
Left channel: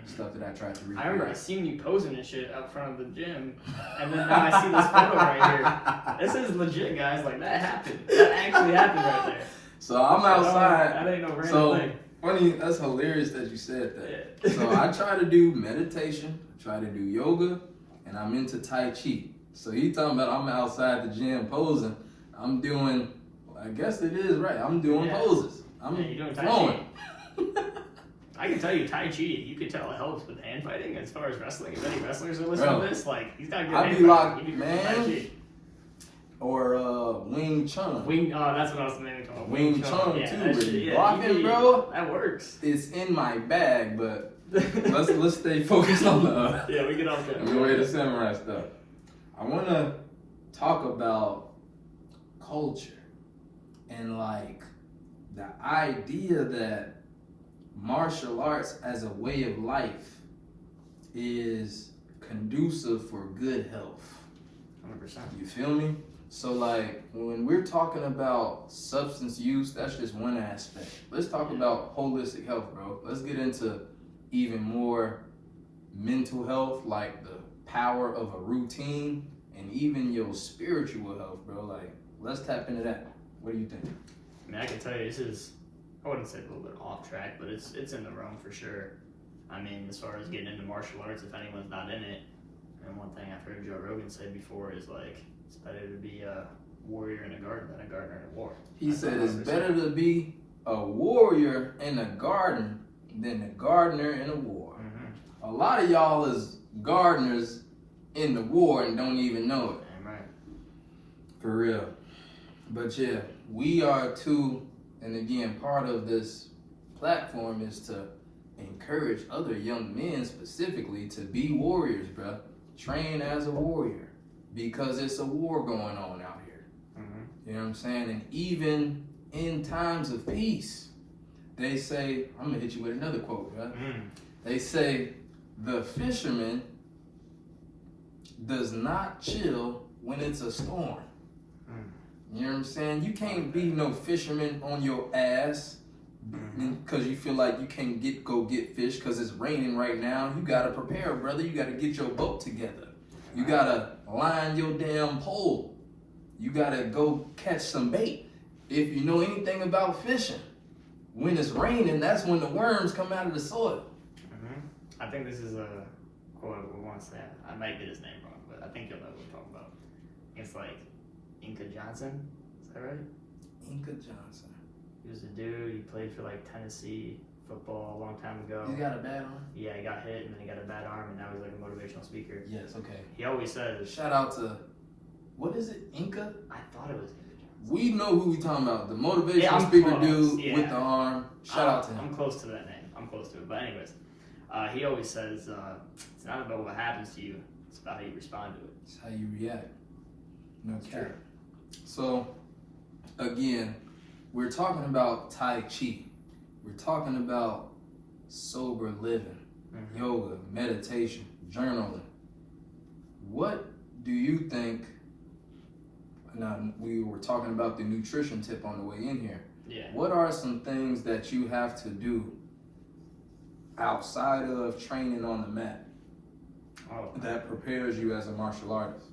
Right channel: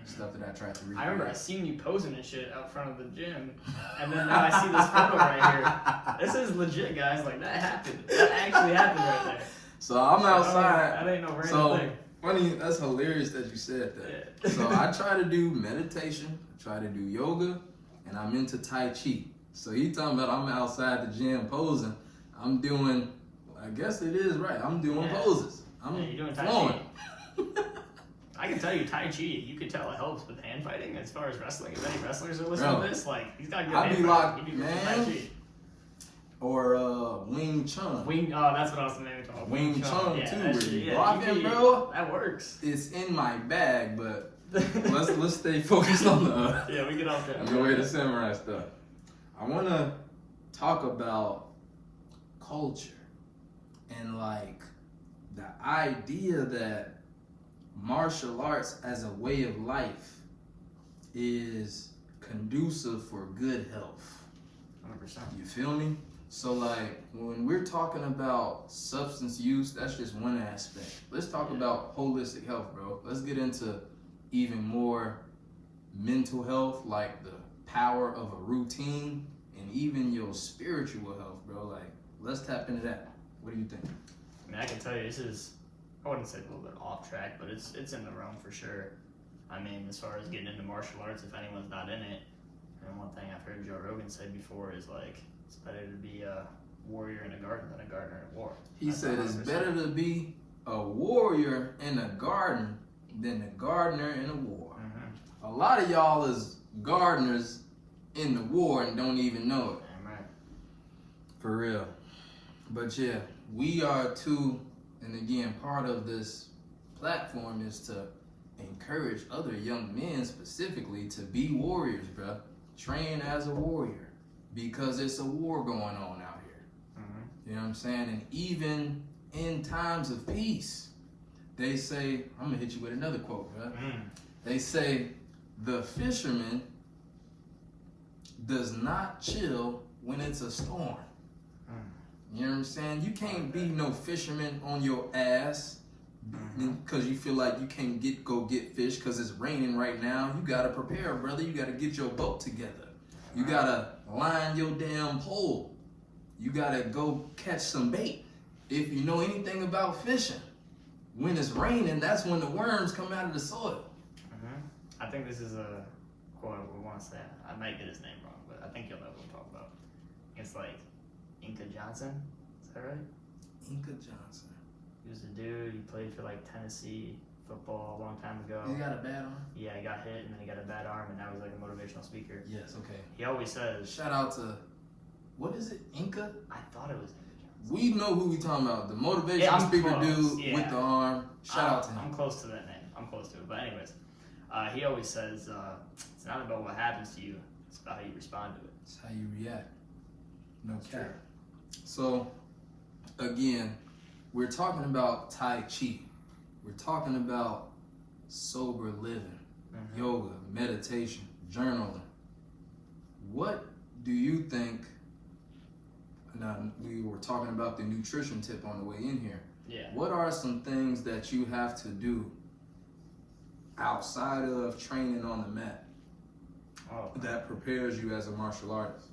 stuff that I tried to read. I remember I seen you posing and shit out front of the gym, and then now I see this photo right here. This is legit, guys. Like, that happened. That actually happened right there. So I'm outside. That ain't no random thing. Funny, that's hilarious that you said that. Yeah. So I try to do meditation, I try to do yoga, and I'm into Tai Chi. So he talking about I'm outside the gym posing. I'm doing, I guess it is right. I'm doing poses. I'm you're doing Tai flowing. Chi. I can tell you, Tai Chi, you could tell it helps with hand fighting as far as wrestling. If any wrestlers are listening to this, like, he's got good hand be fighting. like, You do man. Tai Chi. Or Wing Chun. That's what I was thinking about. Wing Chun yeah, too, that where shit, you blocking, bro. That works. It's in my bag, but let's stay focused on the yeah, we get off that. the way the samurai stuff. I want to talk about culture and like the idea that martial arts as a way of life is conducive for good health. 100%. You feel me? So like when we're talking about substance use, that's just one aspect. Let's talk about holistic health, bro. Let's get into even more mental health, like the power of a routine, and even your spiritual health, bro. Like, let's tap into that. What do you think? I mean, I can tell you, this is, I wouldn't say a little bit off track, but it's in the realm for sure. I mean, as far as getting into martial arts, if anyone's not in it, and one thing I've heard Joe Rogan say before is like, it's better to be a warrior in a garden than a gardener in a war. He said it's better to be a warrior in a garden than a gardener in a war. A lot of y'all is gardeners in the war and don't even know it. Right. For real. But yeah, we are too, and again, part of this platform is to encourage other young men specifically to be warriors, bro. Train as a warrior, because it's a war going on out here. You know what I'm saying? And even in times of peace, they say, I'm gonna hit you with another quote, bro. They say, the fisherman does not chill when it's a storm. You know what I'm saying? You can't be no fisherman on your ass because you feel like you can't go get fish because it's raining right now. You gotta prepare, brother. You gotta get your boat together. You gotta line your damn pole. You gotta go catch some bait. If you know anything about fishing, when it's raining, that's when the worms come out of the soil. I think this is a quote we want to say. I might get his name wrong, but I think you'll know what I'm talking about. It's like Inca Johnson. Is that right? Inca Johnson. He was a dude. He played for like Tennessee football a long time ago. He got a bad arm? Yeah, he got hit and then he got a bad arm and now he's like a motivational speaker. Yes, okay. He always says, shout out to, what is it, Inca? I thought it was Inca Johnson. We know who we talking about. The motivational speaker dude with the arm. Shout out to him. I'm close to that name. I'm close to it. But anyways, he always says, it's not about what happens to you, it's about how you respond to it. It's how you react. No That's cap. true. So, again, we're talking about Tai Chi. We're talking about sober living, yoga, meditation, journaling. What do you think, now we were talking about the nutrition tip on the way in here. Yeah. What are some things that you have to do outside of training on the mat that prepares you as a martial artist?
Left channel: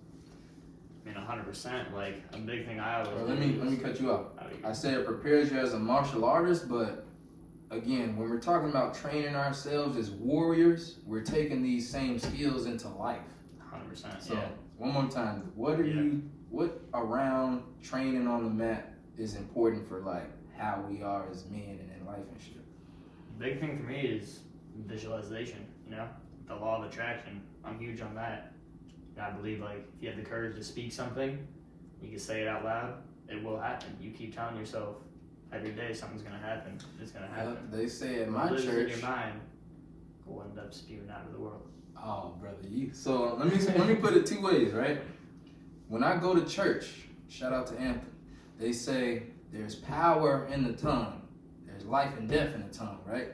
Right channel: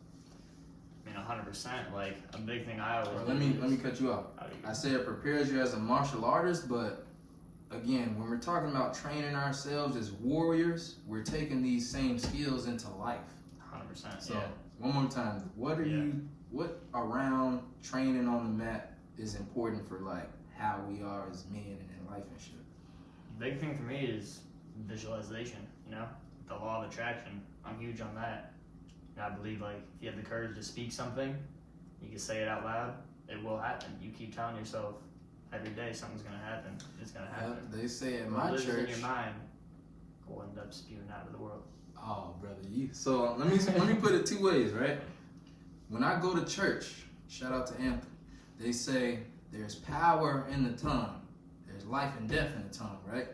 I mean, 100%. Like, a big thing I always Let me cut you off. I said it prepares you as a martial artist, but again, when we're talking about training ourselves as warriors, we're taking these same skills into life. 100%. So, one more time, what around training on the mat is important for like how we are as men and in life and shit? Big thing for me is visualization, you know? The law of attraction. I'm huge on that. And I believe like if you have the courage to speak something, you can say it out loud, it will happen. You keep telling yourself every day something's gonna happen. It's gonna happen. They say at my what lives church, in your mind will end up spewing out of the world. Oh, brother, so let me put it two ways, right? When I go to church, shout out to Anthem, they say there's power in the tongue. There's life and death in the tongue, right?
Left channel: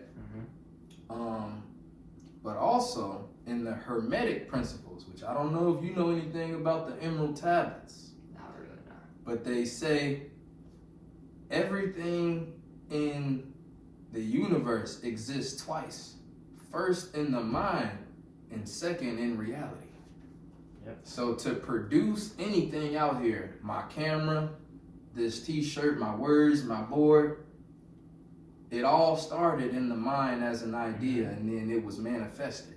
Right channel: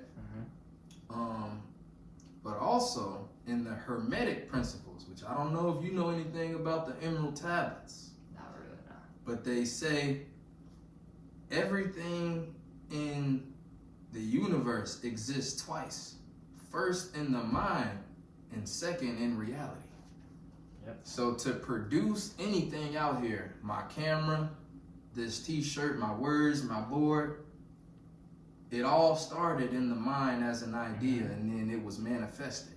But also in the Hermetic principles, which I don't know if you know anything about the Emerald Tablets. Not really, no. But they say everything in the universe exists twice. First in the mind and second in reality. Yep. So to produce anything out here, my camera, this t-shirt, my words, my board, it all started in the mind as an idea and then it was manifested.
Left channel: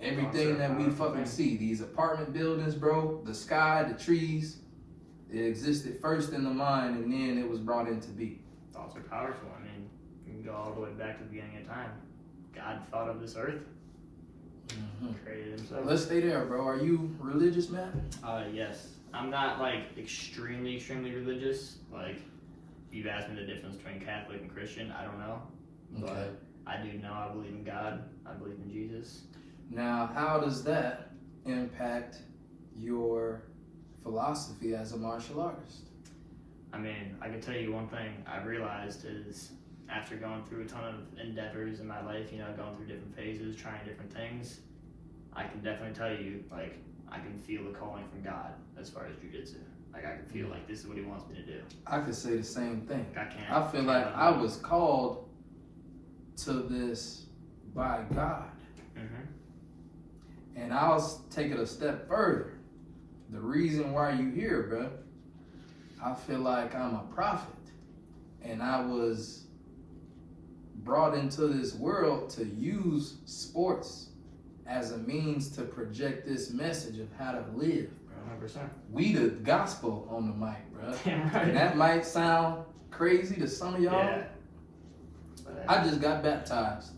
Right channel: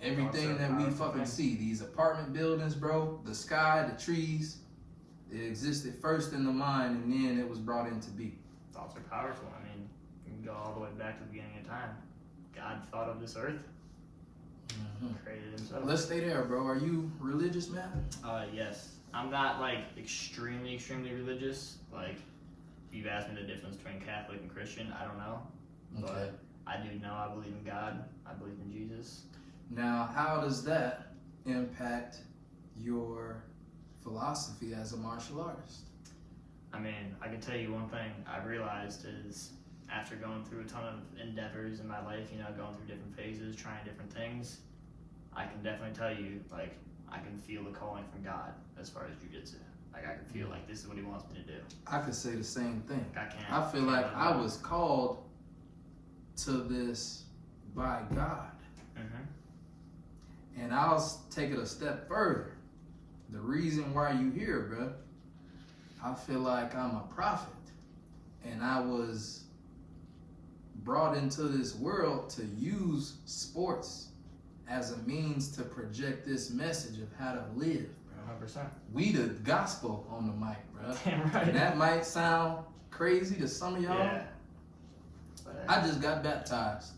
Everything that we fucking see, these apartment buildings, bro, the sky, the trees, it existed first in the mind and then it was brought into being. Thoughts are powerful. I mean, you can go all the way back to the beginning of time. God thought of this earth, created himself. Let's stay there, bro. Are you religious, man? Yes. I'm not like extremely religious. Like, if you've asked me the difference between Catholic and Christian, I don't know. Okay. But I do know I believe in God. I believe in Jesus. Now, how does that impact your philosophy as a martial artist? I mean, I can tell you one thing I realized is after going through a ton of endeavors in my life, you know, going through different phases, trying different things, I can definitely tell you, like, I can feel the calling from God as far as jujitsu. Like, I can feel like this is what he wants me to do. I could say the same thing. Like, I feel like I was called to this by God. And I'll take it a step further. The reason why you here, bro, I feel like I'm a prophet. And I was brought into this world to use sports as a means to project this message of how to live, bro. 100%. We the gospel on the mic, bro. Damn right. And that might sound crazy to some of y'all. Yeah. I just got baptized.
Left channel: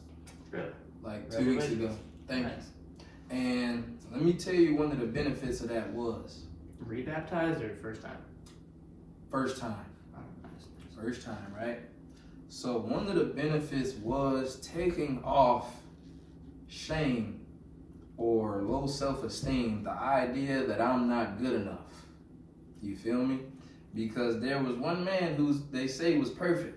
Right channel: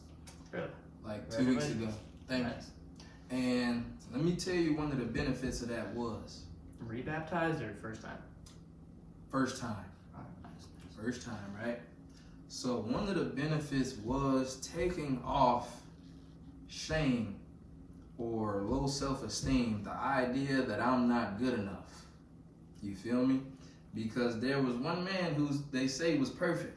Really? Like 2 weeks ago. Thank you. And let me tell you one of the benefits of that was. Rebaptized or first time? First time. Oh, nice. First time, right? So one of the benefits was taking off shame or low self-esteem, the idea that I'm not good enough. You feel me? Because there was one man who they say was perfect.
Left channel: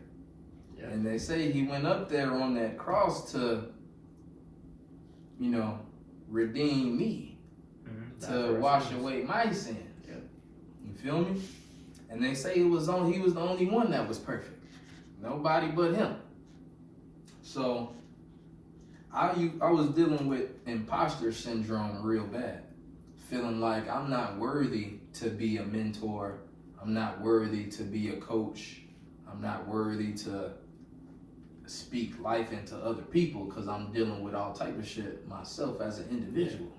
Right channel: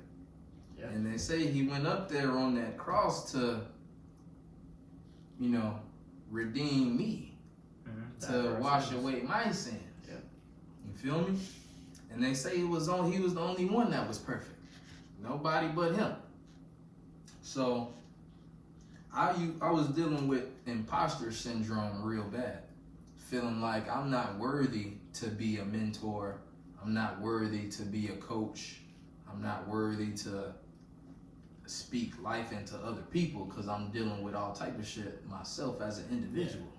Yeah. And they say he went up there on that cross to, you know, redeem me, to wash away my sins. Yep. You feel me? And they say he was the only one that was perfect. Nobody but him. So I was dealing with imposter syndrome real bad. Feeling like I'm not worthy to be a mentor. I'm not worthy to be a coach. I'm not worthy to speak life into other people because I'm dealing with all type of shit myself as an individual.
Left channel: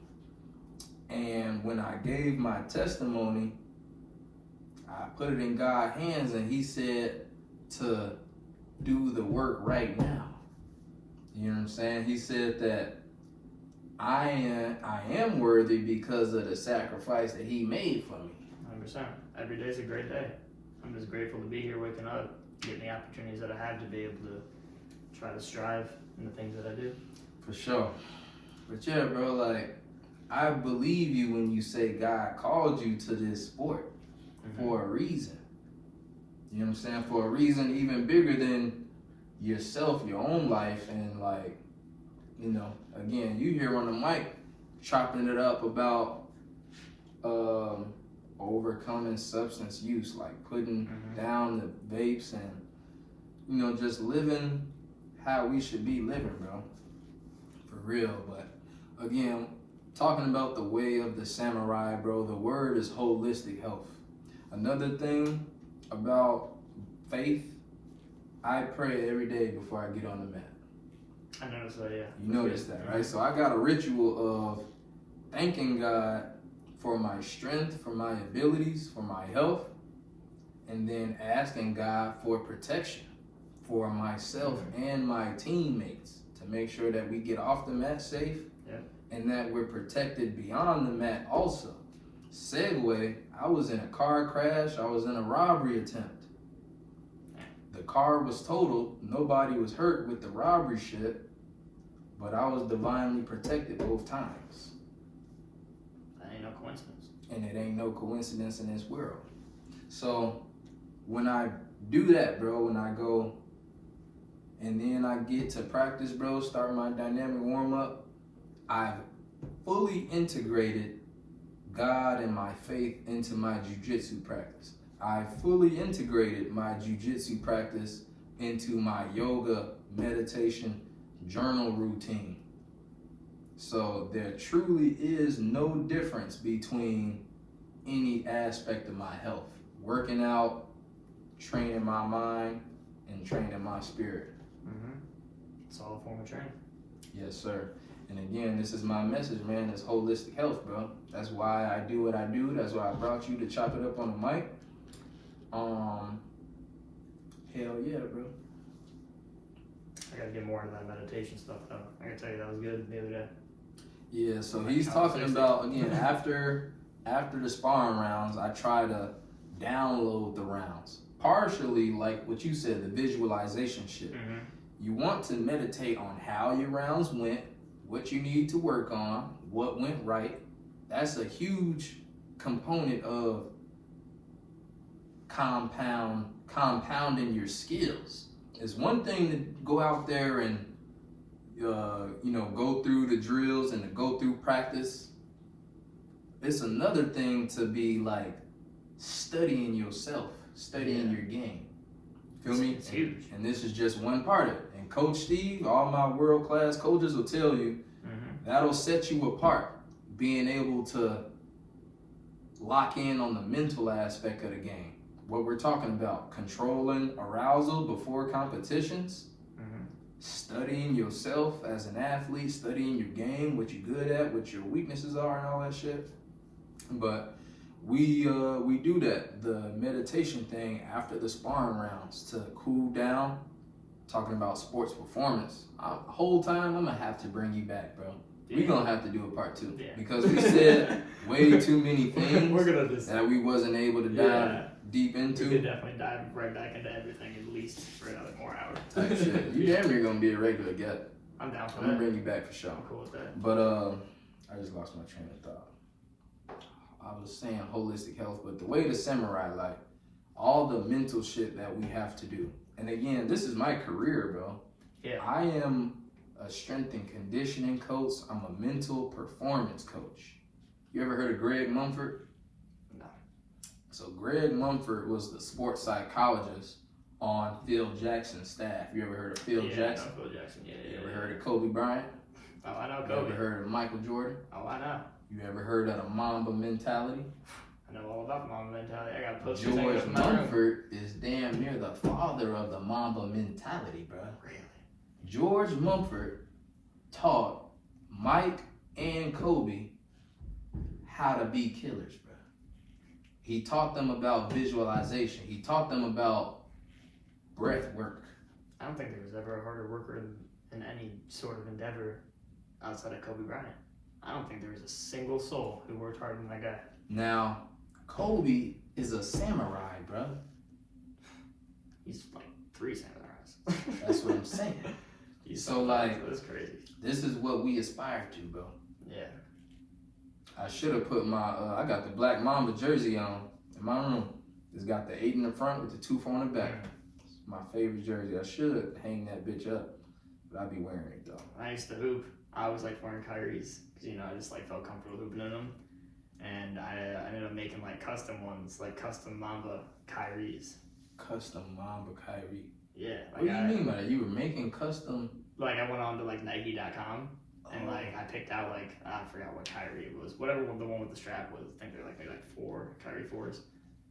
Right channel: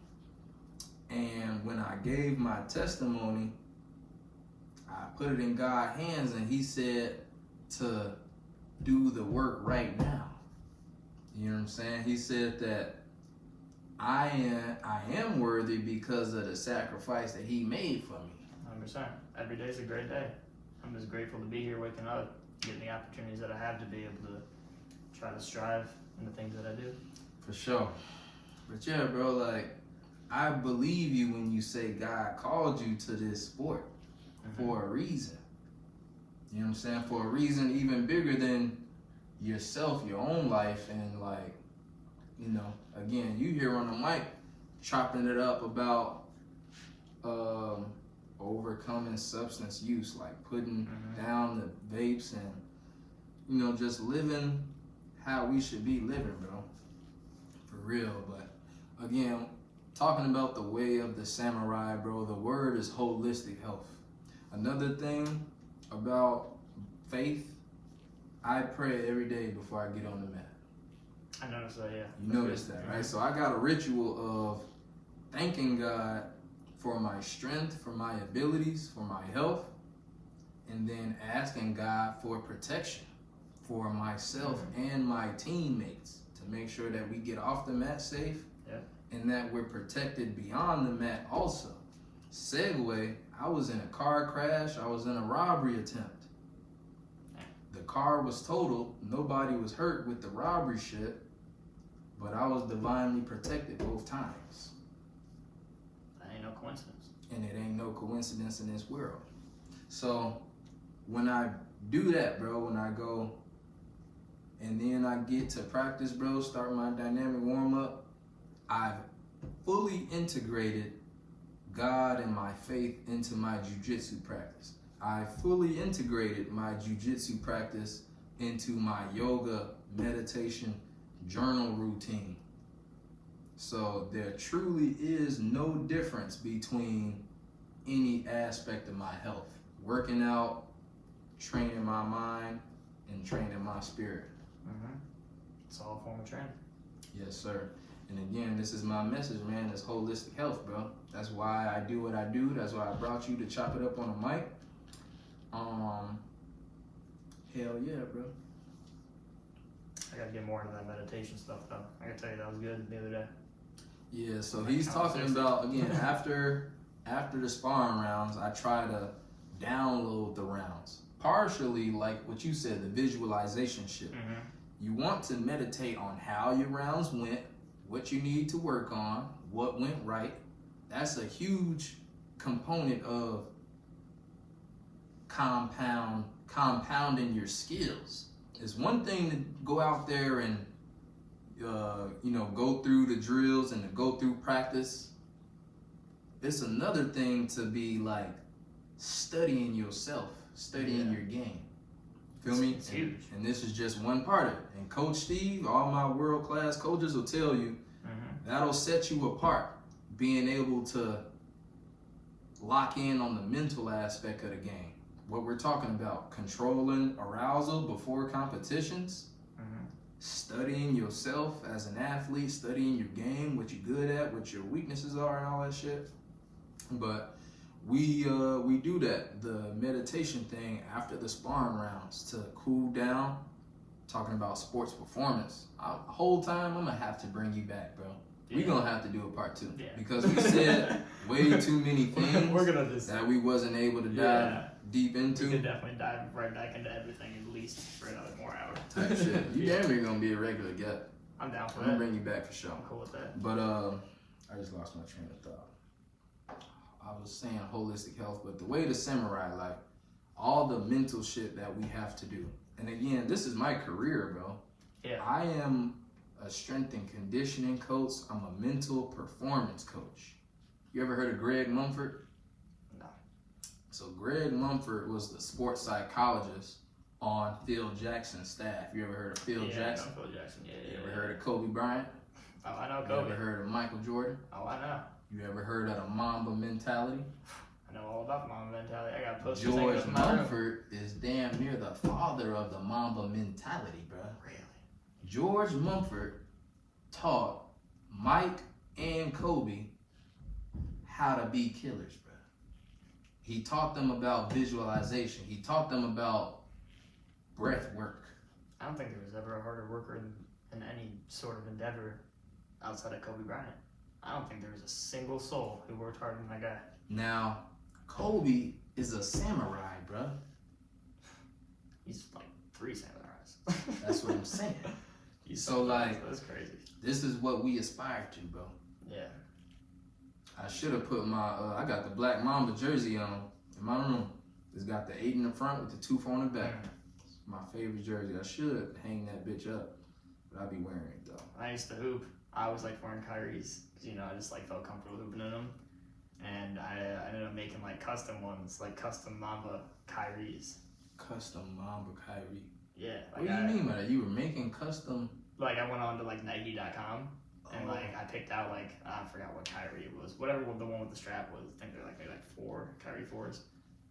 And when I gave my testimony, I put it in God's hands and he said to do the work right now. You know what I'm saying? He said that I am worthy because of the sacrifice that he made for me. 100%. Every day is a great day. I'm just grateful to be here waking up, getting the opportunities that I have to be able to try to strive in the things that I do. For sure. But yeah, bro, like, I believe you when you say God called you to this sport for a reason. You know what I'm saying? For a reason even bigger than yourself, your own life, and like, you know, again, you here on the mic chopping it up about overcoming substance use, like putting Mhm. down the vapes and, you know, just living how we should be living, bro. For real. But again, talking about the way of the samurai, bro, the word is holistic health. Another thing about faith, I pray every day before I get on the mat. I noticed that, yeah. You noticed that, right? So I got a ritual of thanking God for my strength, for my abilities, for my health, and then asking God for protection for myself and my teammates to make sure that we get off the mat safe, yeah, and that we're protected beyond the mat also. Segue, I was in a car crash, I was in a robbery attempt. The car was totaled, nobody was hurt with the robbery shit, but I was divinely protected both times. That ain't no coincidence. And it ain't no coincidence in this world. So when I do that, bro, when I go and then I get to practice, bro, start my dynamic warm-up, I've fully integrated God and my faith into my jujitsu practice. I fully integrated my jujitsu practice into my yoga, meditation, journal routine. So there truly is no difference between any aspect of my health. Working out, training my mind, and training my spirit. Mm-hmm. It's all a form of training. Yes, sir. And again, this is my message, man. It's holistic health, bro. That's why I do what I do. That's why I brought you to chop it up on the mic. Hell yeah, bro. I gotta get more into that meditation stuff, though. I gotta tell you, that was good the other day. Yeah, so he's talking about, again, after the sparring rounds, I try to download the rounds. Partially, like what you said, the visualization shit. Mm-hmm. You want to meditate on how your rounds went, what you need to work on, what went right. That's a huge component of compounding your skills. It's one thing to go out there and go through the drills and to go through practice. It's another thing to be like studying yourself, studying your game. Feel me? It's huge. And this is just one part of it. And Coach Steve, all my world-class coaches will tell you, that'll set you apart, being able to lock in on the mental aspect of the game. What we're talking about, controlling arousal before competitions, studying yourself as an athlete, studying your game, what you're good at, what your weaknesses are, and all that shit. But we do that, the meditation thing after the sparring rounds to cool down. Talking about sports performance, the whole time I'm gonna have to bring you back, bro. Yeah. We're gonna have to do a part 2 because we said way too many things We're gonna just, that we wasn't able to dive deep into. We could definitely dive right back into everything at least for another more hour. Type shit. You damn near gonna be a regular guest. I'm down for I'm that. gonna bring you back for sure. I'm cool with that. But I just lost my train of thought. I was saying holistic health, but the way to samurai life, all the mental shit that we have to do. And again, this is my career, bro. Yeah. I am a strength and conditioning coach. I'm a mental performance coach. You ever heard of Greg Mumford? No. So Greg Mumford was the sports psychologist on Phil Jackson's staff. You ever heard of Phil Jackson? I know Phil Jackson. Yeah. You ever heard of Kobe Bryant? Oh, I know You Kobe. ever heard of Michael Jordan? Oh, I know. You ever heard of the Mamba mentality? I know all about Mamba mentality. I got posters George hanging up in my room. Mumford is damn near the father of the Mamba mentality, bro. Really? George Mumford taught Mike and Kobe how to be killers, bro. He taught them about visualization. He taught them about breath work. I don't think there was ever a harder worker in any sort of endeavor outside of Kobe Bryant. I don't think there was a single soul who worked harder than that guy. Now, Kobe is a samurai, bro. He's like 3 samurais. That's what I'm saying. So, like, that's crazy. This is what we aspire to, bro. Yeah. I should have put my, I got the Black Mamba jersey on in my room. It's got the 8 in the front with the 2-4 in the back. It's my favorite jersey. I should hang that bitch up, but I'll be wearing it, though. I used to hoop. I always liked wearing Kyrie's because, I just like felt comfortable hooping in them. and I ended up making like custom ones, like custom Mamba Kyries. Custom Mamba Kyrie. Yeah. What do you mean by that? You were making custom? Like I went on to like Nike.com and like I picked out like I forgot what Kyrie it was, whatever the one with the strap was. I think they're like maybe like 4 Kyrie 4s,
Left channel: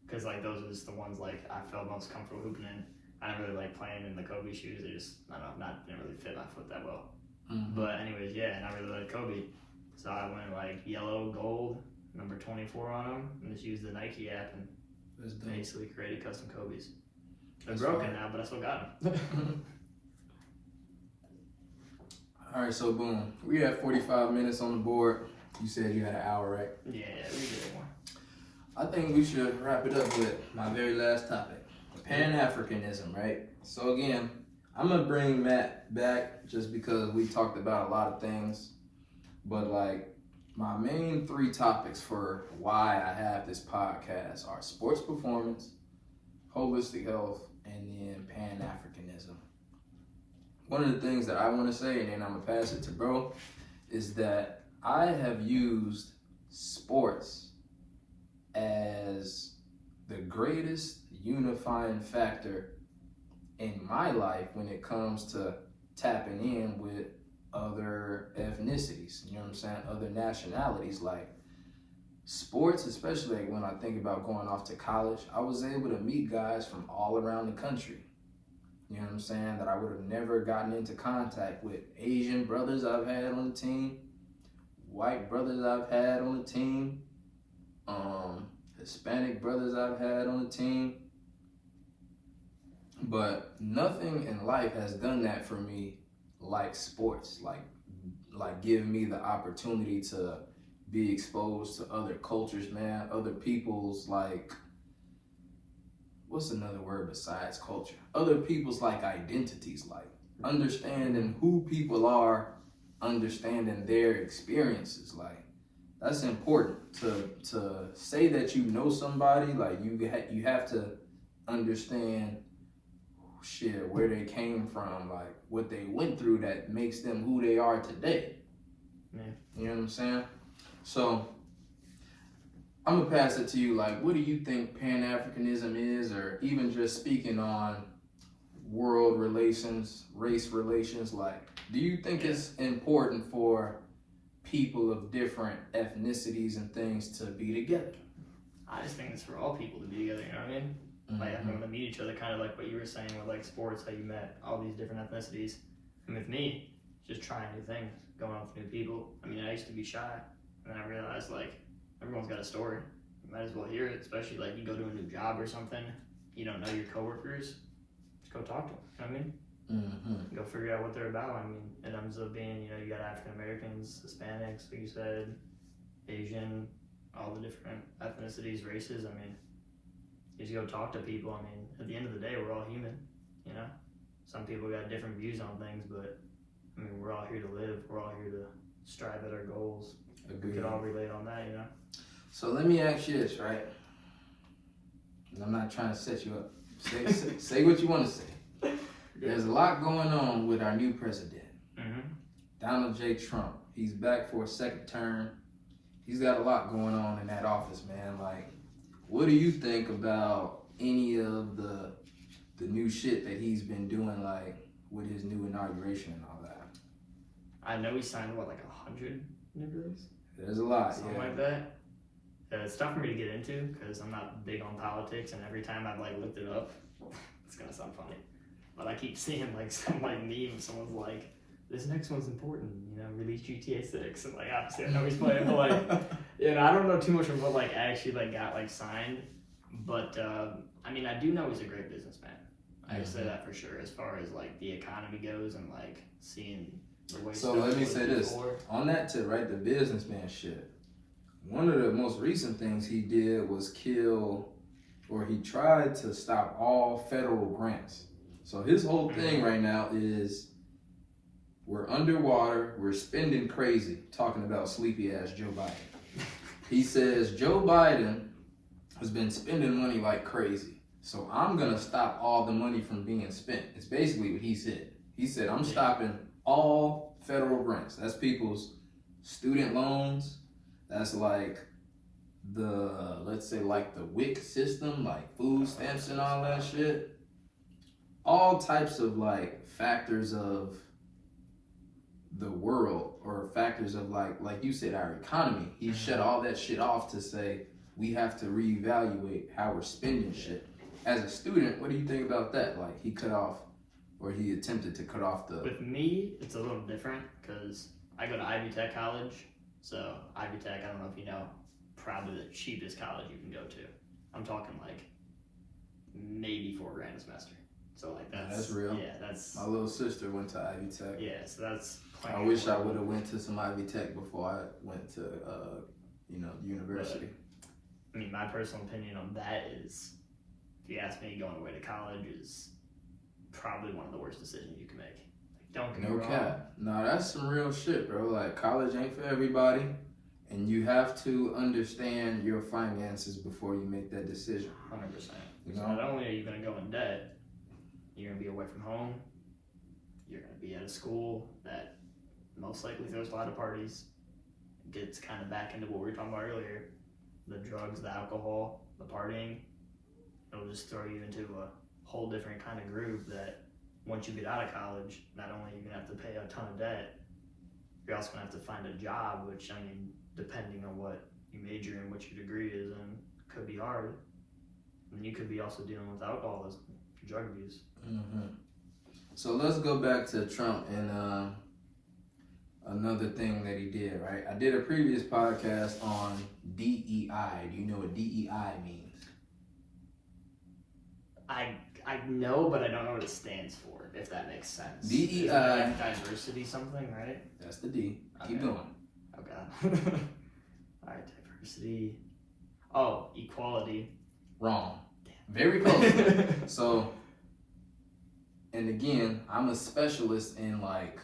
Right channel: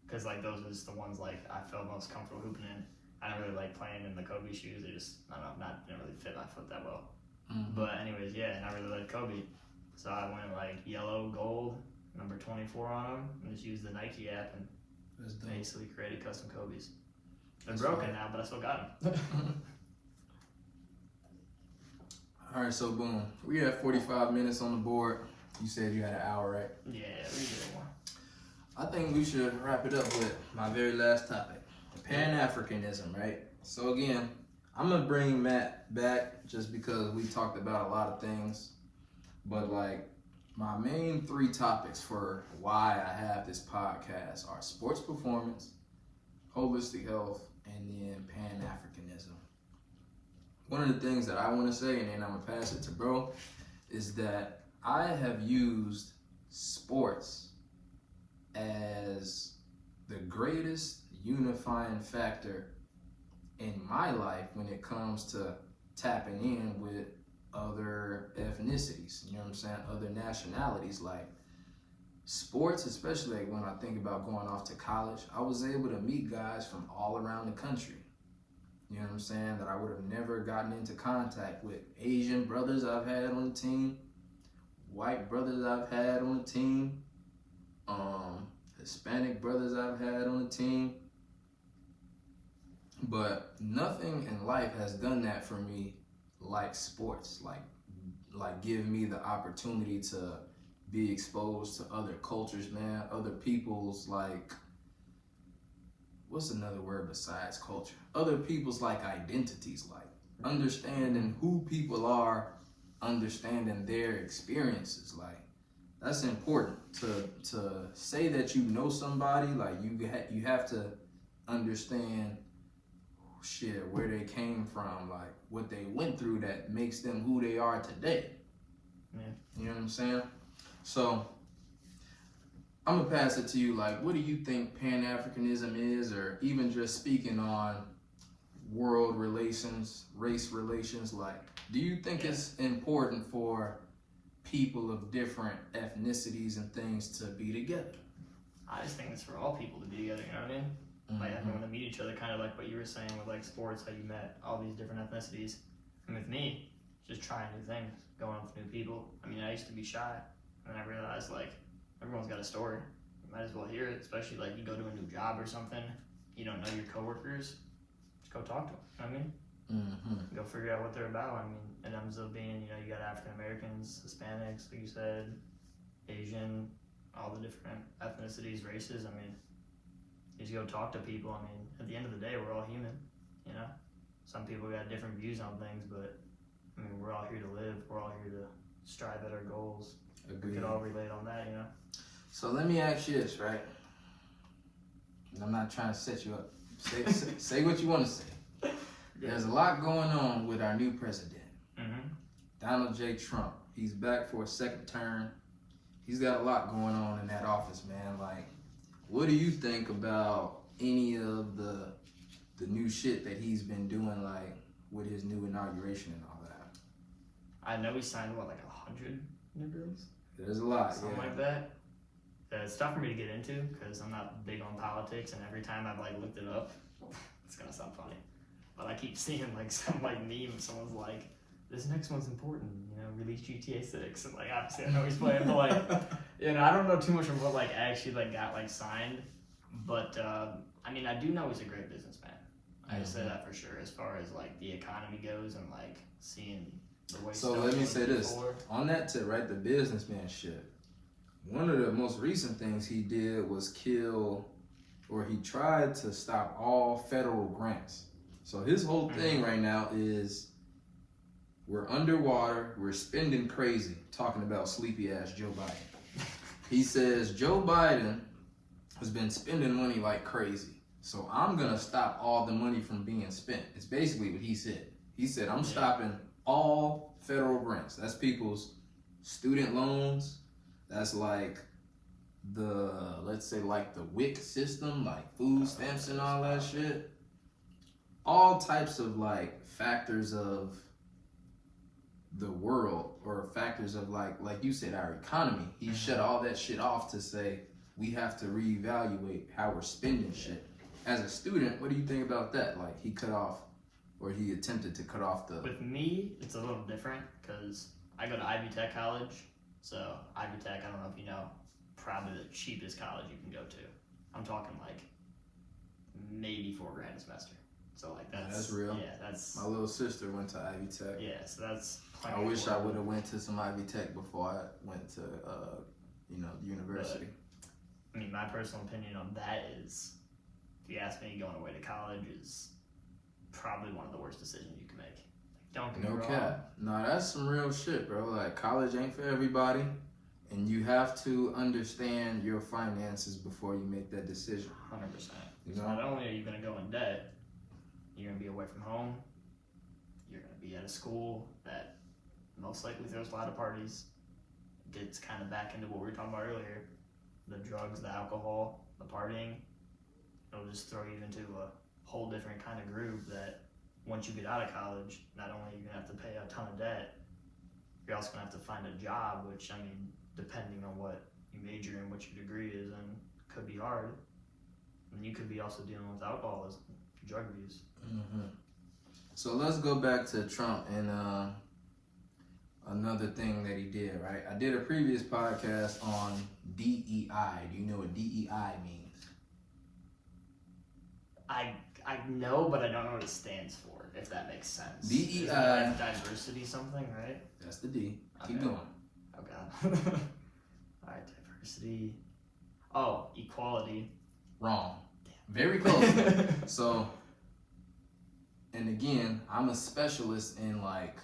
because like those was the ones like I felt most comfortable hooping in. I didn't really like playing in the Kobe shoes. They just I don't know, didn't really fit my foot that well. Mm-hmm. But anyways, yeah, and I really liked Kobe, so I went like yellow, gold, number 24 on them, and just used the Nike app and basically created custom Kobe's. They're broken now, but I still got them. All right, so boom, we have 45 minutes on the board. You said you had an hour, right? Yeah, we did one. I think we should wrap it up with my very last topic, Pan-Africanism, right? So again, I'm gonna bring Matt back just because we talked about a lot of things, but like my main 3 topics for why I have this podcast are sports performance, holistic health, and then Pan-Africanism. One of the things that I want to say, and then I'm gonna pass it to bro, is that I have used sports as the greatest unifying factor in my life when it comes to tapping in with other ethnicities, you know what I'm saying, other nationalities. Like sports, especially like when I think about going off to college, I was able to meet guys from all around the country, you know what I'm saying, that I would have never gotten into contact with. Asian brothers I've had on the team, white brothers I've had on the team, Hispanic brothers I've had on the team. But nothing in life has done that for me like sports, like giving me the opportunity to be exposed to other cultures, man, other people's, like, what's another word besides culture? Other people's like identities, like understanding who people are, understanding their experiences. Like that's important to say that you know somebody. Like you have to understand shit, where they came from, like what they went through that makes them who they are today. Yeah. You know what I'm saying? So I'm gonna pass it to you. Like, what do you think Pan-Africanism is, or even just speaking on world relations, race relations? Like, do you think it's important for people of different ethnicities and things to be together? I just think it's for all people to be together, you know what I mean? Like everyone to meet each other, kind of like what you were saying with like sports, how you met all these different ethnicities. And with me, just trying new things, going with new people. I mean, I used to be shy, and then I realized like everyone's got a story. You might as well hear it, especially like you go to a new job or something, you don't know your coworkers, just go talk to them, you know what I mean? Mm-hmm. Go figure out what they're about. I mean, it ends up being, you know, you got African Americans, Hispanics, like you said, Asian, all the different ethnicities, races. I mean, you just go talk to people. I mean, at the end of the day, we're all human, you know? Some people got different views on things, but I mean, we're all here to live. We're all here to strive at our goals. Agreed. We could all relate on that, you know? So let me ask you this, right? And I'm not trying to set you up. Say what you want to say. There's a lot going on with our new president, Donald J. Trump. He's back for a second term. He's got a lot going on in that office, man. Like, what do you think about any of the new shit that he's been doing, like with his new inauguration and all that? I know he signed what, like 100 new bills? There's a lot, something like that. It's tough for me to get into because I'm not big on politics, and every time I've like looked it up, it's gonna sound funny, but I keep seeing like some like meme. Someone's like, "This next one's important, you know, release GTA 6," and like obviously I know he's playing, but like, you know, I don't know too much of what like actually like got like signed, but I mean, I do know he's a great businessman. I can say that for sure, as far as like the economy goes and like seeing the way. So let me say this on that tip, right? The businessman shit. One of the most recent things he did was he tried to stop all federal grants. So his whole thing right now is we're underwater, we're spending crazy, talking about sleepy ass Joe Biden. He says Joe Biden has been spending money like crazy. So I'm gonna stop all the money from being spent. It's basically what he said. He said, I'm stopping all federal grants. That's people's student loans. That's like the, let's say like the WIC system, like food stamps and all that shit, all types of like factors of the world or factors of like you said, our economy. He shut all that shit off to say we have to reevaluate how we're spending shit. As a student, what do you think about that? Like he cut off, or he attempted to cut off the. With me, it's a little different because I go to Ivy Tech College. So Ivy Tech, I don't know if you know, probably the cheapest college you can go to. I'm talking like maybe $4,000 a semester. So like that's real. Yeah, that's. My little sister went to Ivy Tech. Yeah, so that's. I wish I would have went to some Ivy Tech before I went to university. But, I mean, my personal opinion on that is, if you ask me, going away to college is probably one of the worst decisions you can make. Like, don't get me wrong. Cap. Nah, that's some real shit, bro. Like college ain't for everybody, and you have to understand your finances before you make that decision. 100%. You So know? not only are you going to go in debt, you're going to be away from home. You're going to be at a school that most likely throws a lot of parties. Gets kind of back into what we were talking about earlier. The drugs, the alcohol, the partying. It'll just throw you into a whole different kind of groove that once you get out of college, not only are you going to have to pay a ton of debt, you're also going to have to find a job, which, I mean, depending on what you major in, what your degree is in, could be hard. And you could be also dealing with alcoholism, drug abuse. Mm-hmm. So let's go back to Trump and another thing that he did, right? I did a previous podcast on DEI. Do you know what DEI means? I know, but I don't know what it stands for, if that makes sense. DEI. Is it like diversity something, right? That's the D. Okay. Keep going. Okay. Alright, diversity. Oh, equality. Wrong. Very close. So, and again, I'm a specialist in like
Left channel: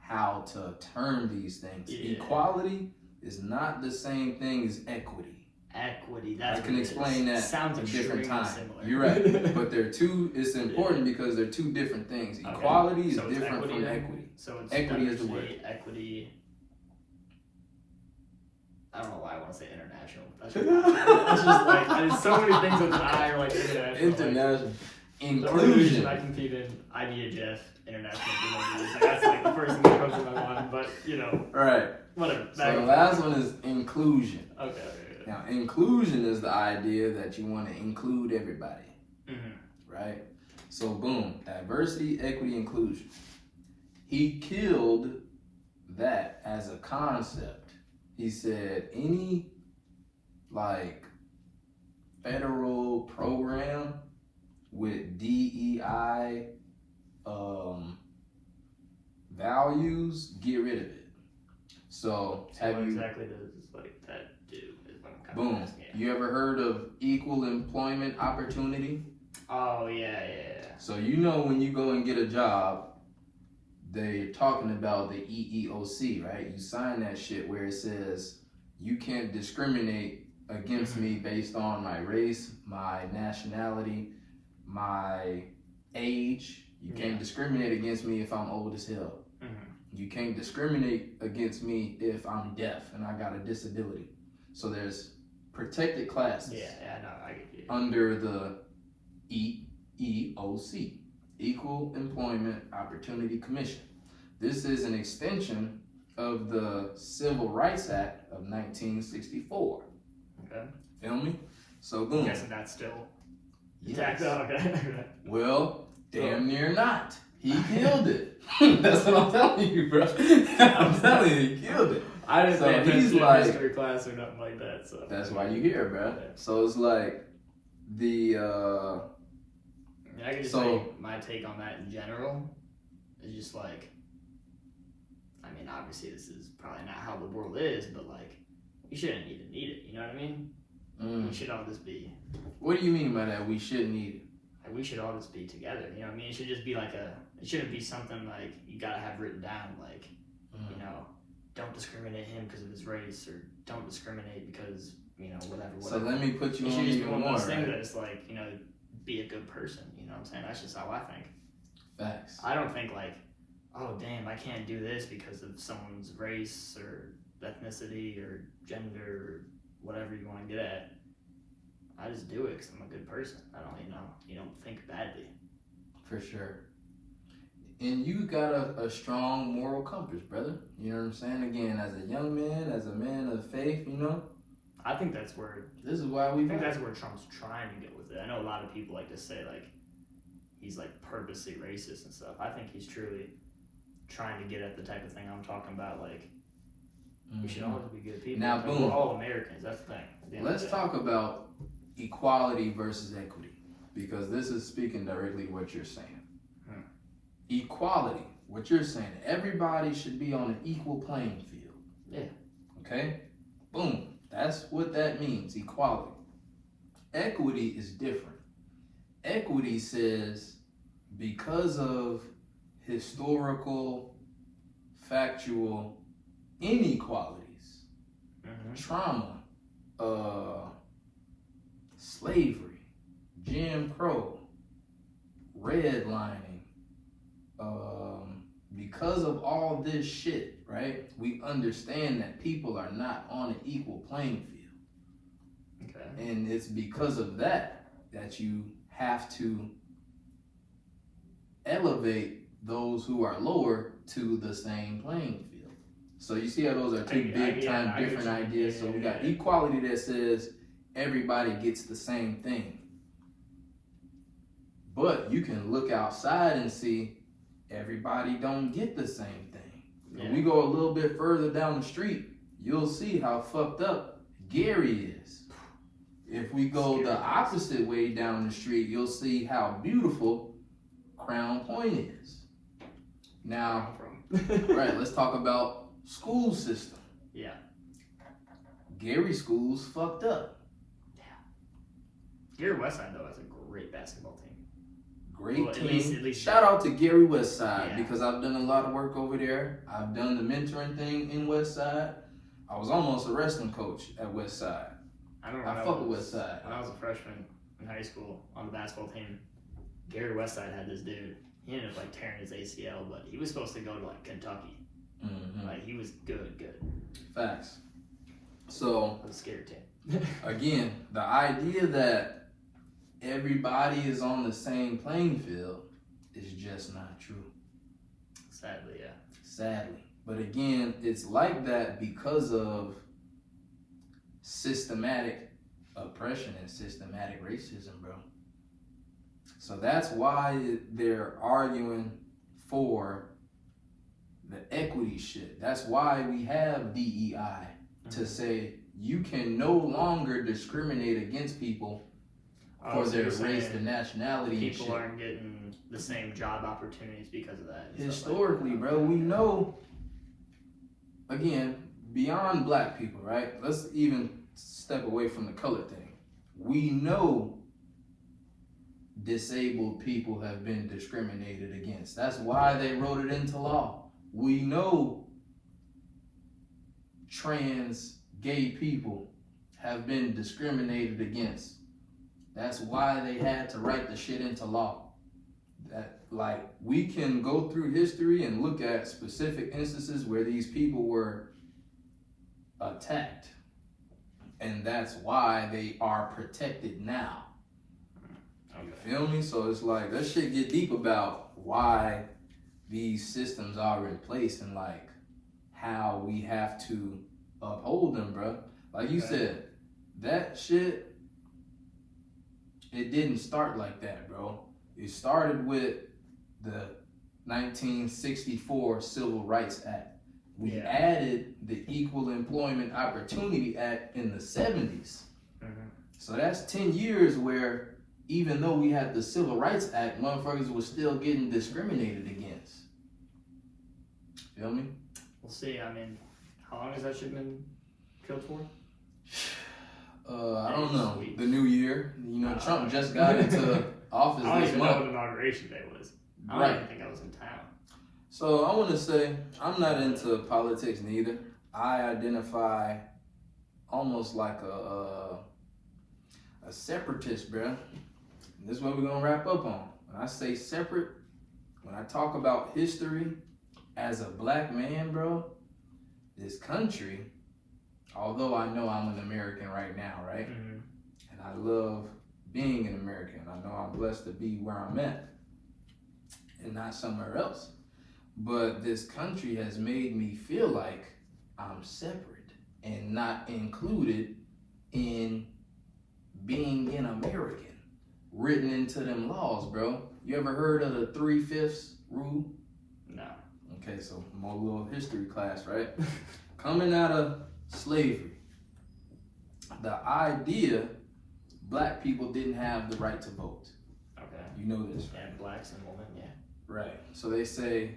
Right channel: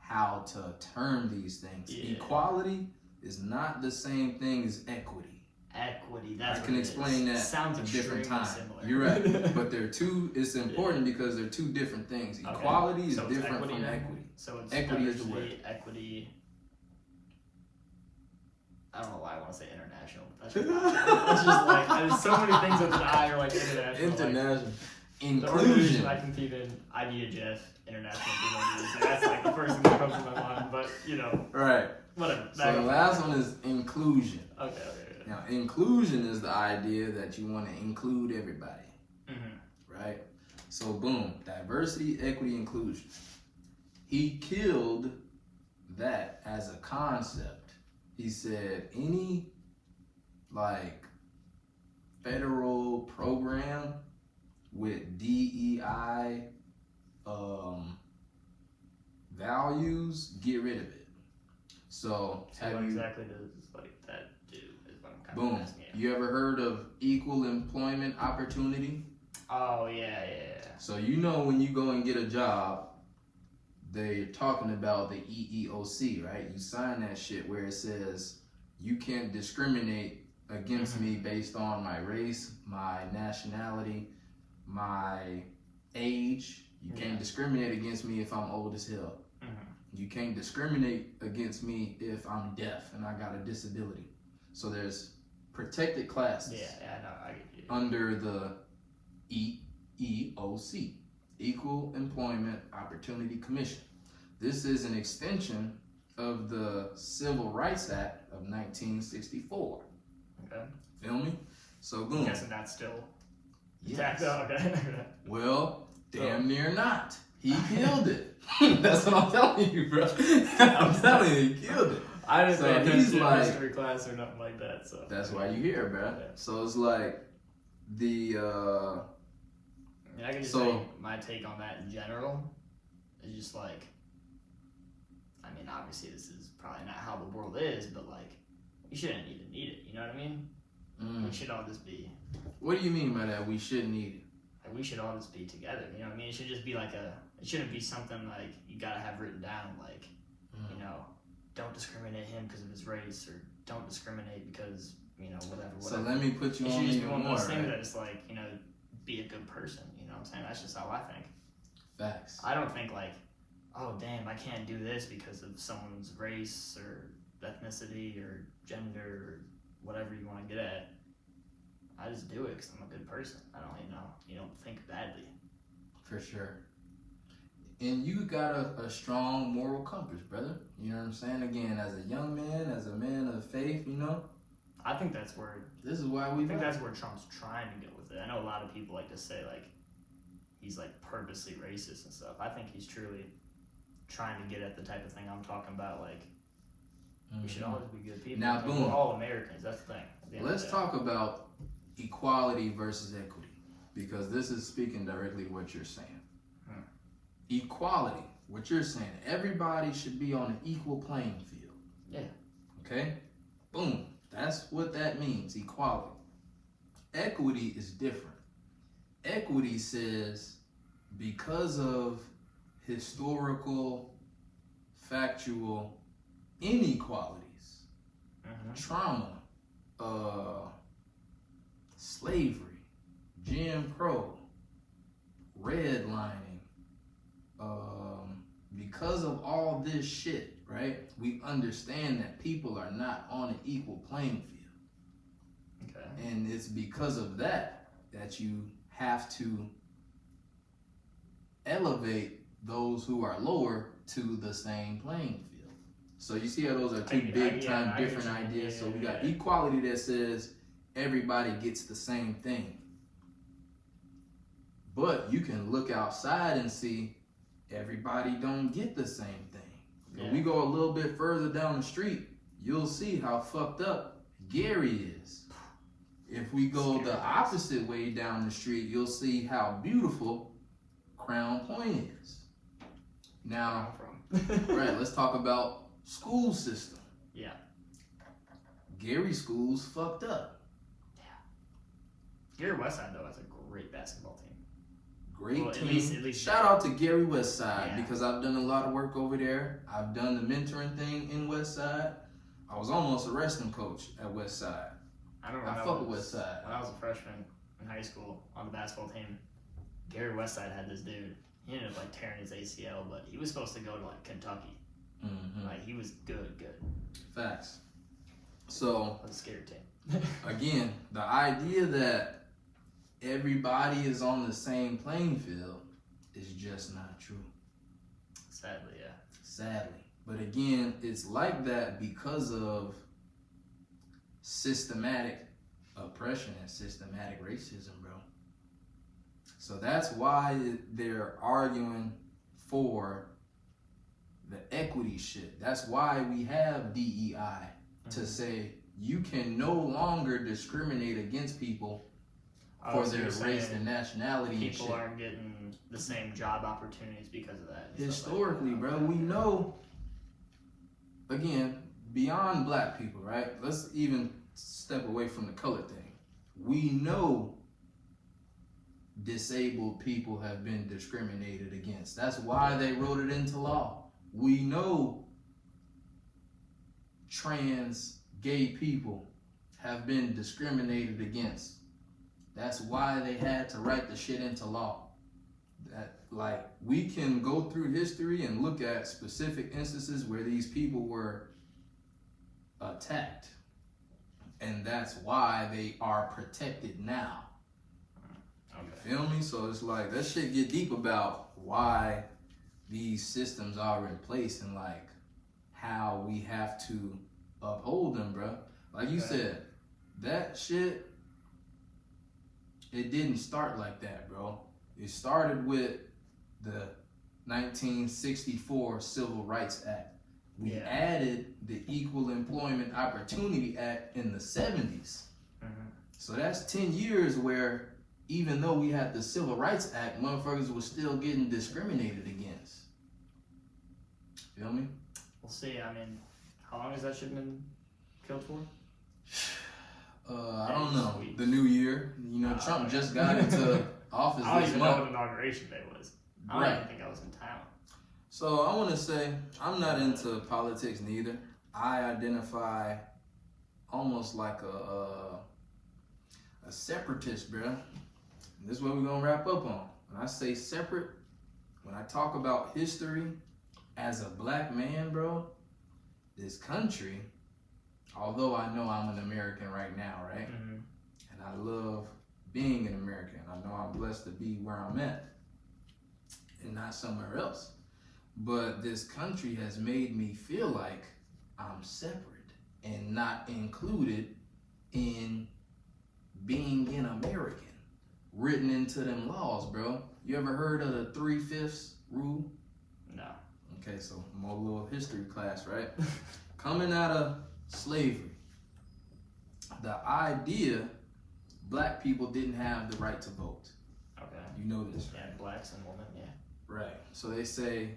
how to term these things. Yeah. Equality is not the same thing as equity. Equity, that's I can what it explain is. that Sounds a different time. similar. You're right, but they're two. It's important because they're two different things. Okay. Equality is So it's different equity from then? equity. So it's Equity is the diversity, equity. I don't know why I want to say international. That's just like there's so many things with an I are like international. International The inclusion. organization I compete in, IBHF, International Jujitsu. That's like the first thing that comes to my mind. But you know, Right. whatever. So the last one is inclusion. Okay. Now, inclusion is the idea that you want to include everybody, right? So, boom, diversity, equity, inclusion. He killed that as a concept. He said any, like, federal program with DEI values, get rid of it. So What you exactly does like that do? Is what I'm kind boom? of asking. You ever heard of equal employment opportunity? Oh yeah. So you know when you go and get a job, they're talking about the EEOC, right? You sign that shit where it says you can't discriminate against me based on my race, my nationality, my age. You can't discriminate against me if I'm old as hell. You can't discriminate against me if I'm deaf and I got a disability. So there's protected classes. Yeah, I know. I get you. Under the EEOC, Equal Employment Opportunity Commission. This is an extension of the Civil Rights Act of 1964. Okay. Feel me? So boom. I'm guessing that's still Yes. Okay. Well, damn near not. He killed it. That's what I'm telling you, bro. I'm telling you, he killed it. I didn't So pay he's attention to like- history class or nothing like that. So That's why you here, bro. Yeah. So it's like the I mean, I can just say my take on that in general is just like, I mean, obviously this is probably not how the world is, but like, we shouldn't need it. You know what I mean? We should all just be. What do you mean by that? We shouldn't eat it. Like, we should all just be together. You know what I mean? It should just be like it shouldn't be something like you gotta have written down, like, you know, don't discriminate him because of his race, or don't discriminate because, you know, whatever. So let me put you It on should just be even one of more, those things right? that is like, you know, be a good person. You know what I'm saying? That's just how I think. Facts. I don't think like, oh damn, I can't do this because of someone's race or ethnicity or gender or whatever you want to get at. I just do it because I'm a good person. I don't, you don't think badly. For sure. And you got a strong moral compass, brother. You know what I'm saying? Again, as a young man, as a man of faith, I think that's where. This is why I think that's where Trump's trying to get with it. I know a lot of people like to say like he's like purposely racist and stuff. I think he's truly trying to get at the type of thing I'm talking about. Like we should always be good people. Now, like, boom. We're all Americans. That's the thing. Let's talk about equality versus equity, because this is speaking directly to what you're saying. Equality, what you're saying, everybody should be on an equal playing field. Yeah. Okay? Boom. That's what that means, equality. Equity is different. Equity says because of historical, factual inequalities, trauma, slavery, Jim Crow, redlining, because of all this shit, right? We understand that people are not on an equal playing field. Okay. And it's because of that you have to elevate those who are lower to the same playing field. So you see how those are two big time different ideas. So we got equality that says everybody gets the same thing. But you can look outside and see everybody don't get the same thing. When we go a little bit further down the street, you'll see how fucked up Gary is. If we go the opposite way down the street, you'll see how beautiful Crown Point is. Now, right, let's talk about school system. Yeah. Gary school's fucked up. Yeah. Gary Westside, though, has a great basketball team. Great team. At least Shout out to Gary Westside, because I've done a lot of work over there. I've done the mentoring thing in Westside. I was almost a wrestling coach at Westside. I fuck with Westside. When I was a freshman in high school on the basketball team, Gary Westside had this dude. He ended up like tearing his ACL, but he was supposed to go to like Kentucky. Like he was good. Facts. So it was a scary team. Again, the idea that everybody is on the same playing field is just not true. Sadly, yeah. Sadly. But again, it's like that because of systematic oppression and systematic racism, bro. So that's why they're arguing for the equity shit. That's why we have DEI to say you can no longer discriminate against people for their race and nationality. People aren't getting the same job opportunities because of that. Historically, bro, we know, again, beyond black people, right? Let's even step away from the color thing. We know disabled people have been discriminated against. That's why they wrote it into law. We know trans gay people have been discriminated against. That's why they had to write the shit into law. That, like, we can go through history and look at specific instances where these people were attacked. And that's why they are protected now. You feel me? So it's like, that shit get deep about why these systems are in place and like how we have to uphold them, bro. Like you said, that shit, it didn't start like that, bro. It started with the 1964 Civil Rights Act. We added the Equal Employment Opportunity Act in the 70s. So that's 10 years where even though we had the Civil Rights Act, motherfuckers were still getting discriminated against. Feel me? We'll see. I mean, how long has that shit been killed for? I don't know. The new year. You know, Trump just got into office this month. I don't even know what inauguration day was. I don't even think I was in town. So I want to say, I'm not into politics neither. I identify almost like a separatist, bro. And this is what we're going to wrap up on. When I say separate, when I talk about history as a black man, bro, this country although I know I'm an American right now, right? Mm-hmm. And I love being an American. I know I'm blessed to be where I'm at and not somewhere else. But this country has made me feel like I'm separate and not included in being an American, written into them laws, bro. You ever heard of the 3/5 rule? No. Okay, so more little history class, right? Coming out of slavery, the idea black people didn't have the right to vote. Okay. You know this, right? And blacks and women, yeah. Right. So they say,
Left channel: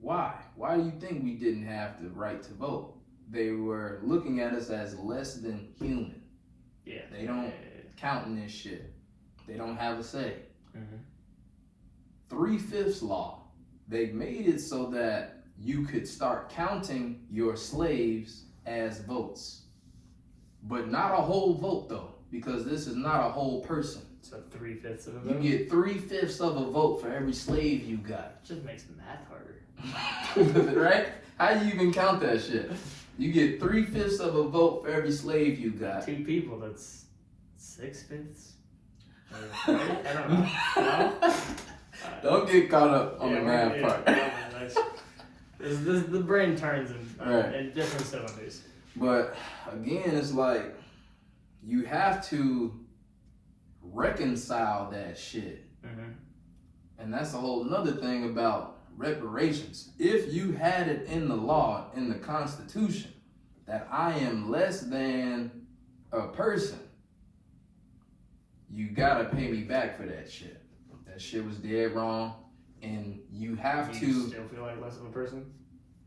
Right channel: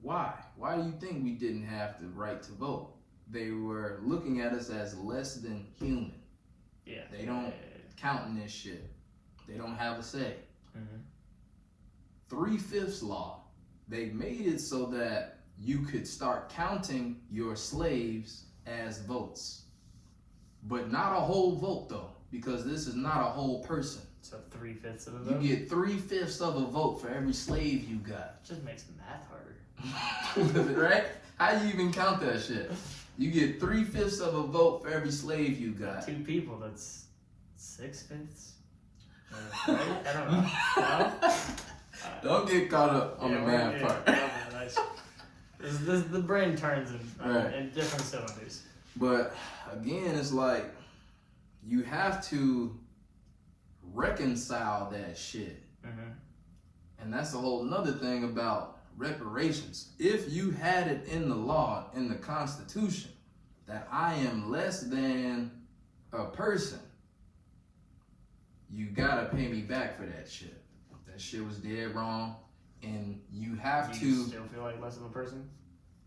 why? Why do you think we didn't have the right to vote? They were looking at us as less than human. Yeah. They don't count in this shit. They don't have a say. Mm-hmm. 3/5 law. They made it so that you could start counting your slaves as votes. But not a whole vote though, because this is not a whole person. So 3/5 of a You vote? get 3/5 of a vote for every slave you got. Just makes the math harder. Right? How do you even count that shit? You get 3/5 of a vote for every slave you got. 2 people, that's 6/5. Right? I don't know. No? Don't get caught up on the math part. Nice. The brain turns Right. in different cylinders. But again, it's like you have to reconcile that shit. Mm-hmm. And that's a whole nother thing about reparations. If you had it in the law, in the Constitution, that I am less than a person, you gotta pay me back for that shit. That shit was dead wrong, and you have Do to. you still feel like less of a person?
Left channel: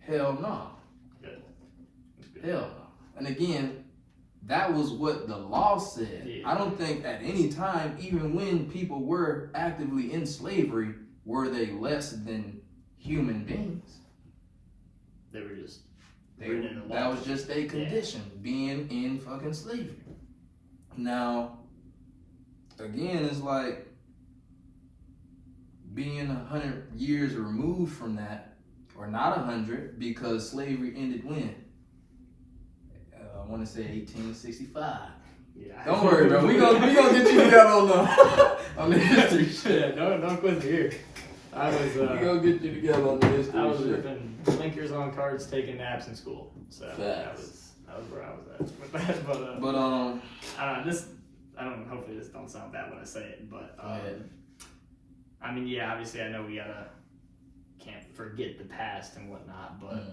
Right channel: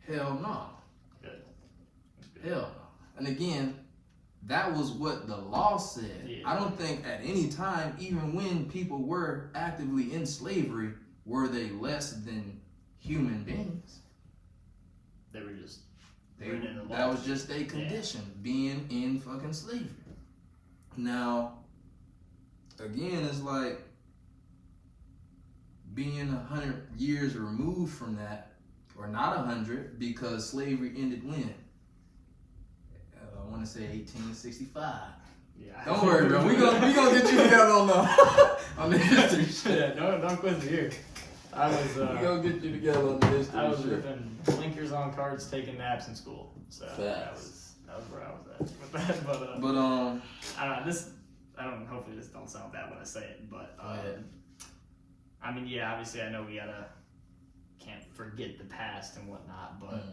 Hell no. Good. That's good. Hell no. And again, that was what the law said. Yeah. I don't think at any time, even when people were actively in slavery, were they less than human beings. They were just written in the law. That was just a condition, being in fucking slavery. Now, again, it's like being 100 years removed from that, or not 100, because slavery ended when? I want to say 1865. Yeah. Don't worry, bro. We gonna get you together on the history shit. Yeah, don't quit me here. I was We gonna get you together on the history I was shit. ripping blinkers on cards, taking naps in school. So that was where I was at with that. But I don't know, hopefully this don't sound bad when I say it, but I mean, yeah, obviously I know we can't forget the past and whatnot, but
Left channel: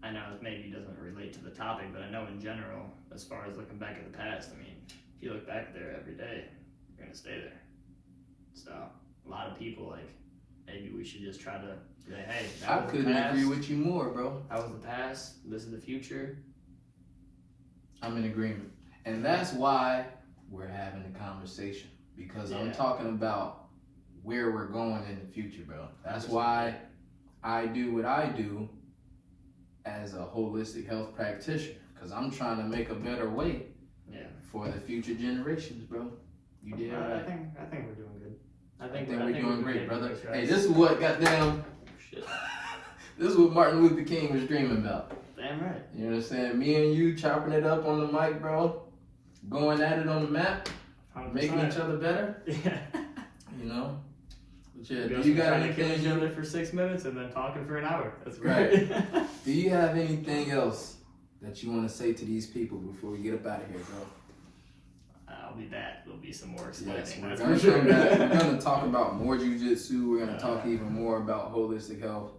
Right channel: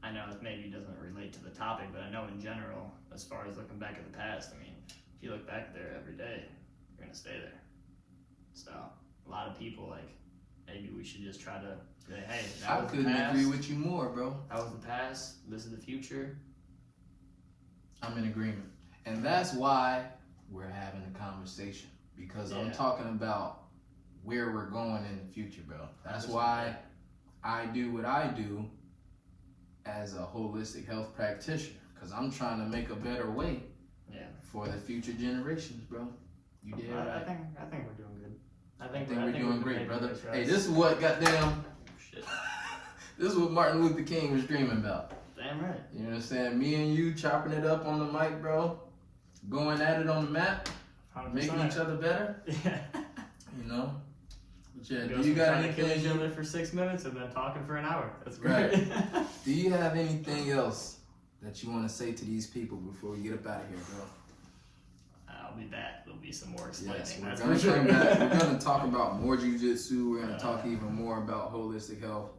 I know it maybe doesn't relate to the topic, but I know in general, as far as looking back at the past, I mean, if you look back there every day, you're gonna stay there. So a lot of people, like, maybe we should just try to say, hey, that was the past. I couldn't agree with you more, bro. That was the past. This is the future. I'm in agreement. And that's why we're having the conversation. Because I'm talking about where we're going in the future, bro. That's why I do what I do as a holistic health practitioner. Because I'm trying to make a better way for the future generations, bro. You did right. I think we're doing good. I think we're doing great, brother. Right. Hey, this is what goddamn. Shit. This is what Martin Luther King was dreaming about. Damn right. You know what I'm saying? Me and you chopping it up on the mic, bro. Going at it on the map. 100%. Making each other better. Yeah. You know? But yeah, do you got trying to kill anything? each other for 6 minutes and then talking for an hour. That's Right. great. Do you have anything else that you want to say to these people before we get up out of here, bro? I'll be back. There'll be some more explaining. Yes, that's we're for sure. going to talk about more jujitsu. We're going to talk even more about holistic health.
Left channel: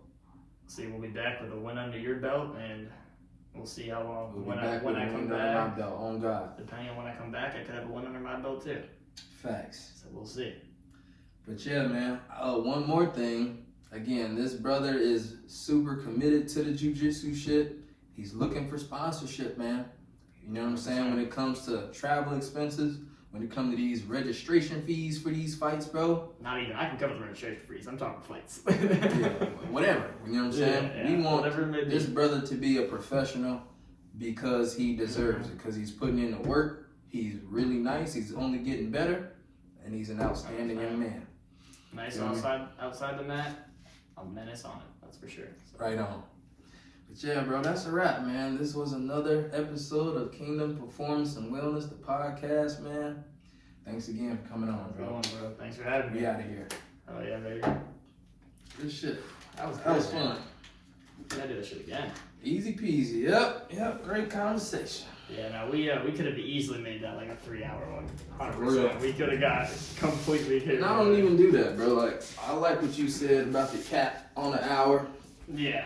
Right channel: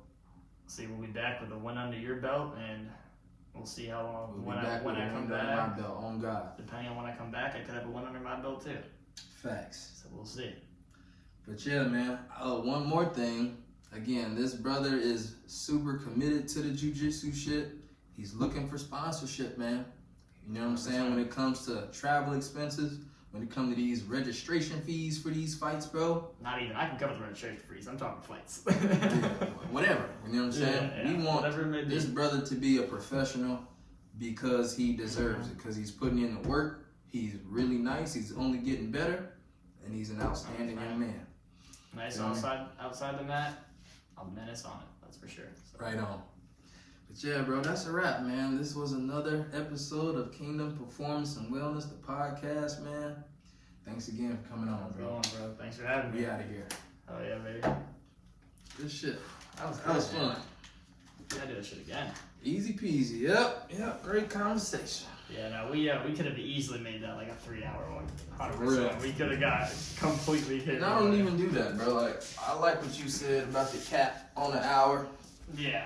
See, we'll be back with a win under your belt, and we'll see how long We'll when be back I with a come win under back. my belt, on God. Depending on when I come back, I could have a win under my belt too. Facts. So we'll see. But yeah, man. One more thing. Again, this brother is super committed to the jiu-jitsu shit. He's looking for sponsorship, man. You know what I'm saying? When it comes to travel expenses, when it comes to these registration fees for these fights, bro. Not even. I can cover the registration fees. I'm talking flights. Whatever. You know what I'm saying? Yeah, we want whatever it may be. this brother to be a professional because he deserves it. Because he's putting in the work. He's really nice. He's only getting better. And he's an outstanding young man. Nice outside the mat. A menace on it. That's for sure. So. Right on. But yeah, bro, that's a wrap, man. This was another episode of Kingdom Performance and Wellness, the podcast, man. Thanks again for coming on, bro. Bro. Thanks for having me. We out of here. Oh yeah, baby. Good shit. That was fun. Gotta do this shit again. Easy peasy. Yep. Great conversation. Yeah, no, we could have easily made that like a 3-hour one. 100%. Real. We could have got completely hit. And I don't even do that, bro. Like, I like what you said about the cap on an hour. Yeah.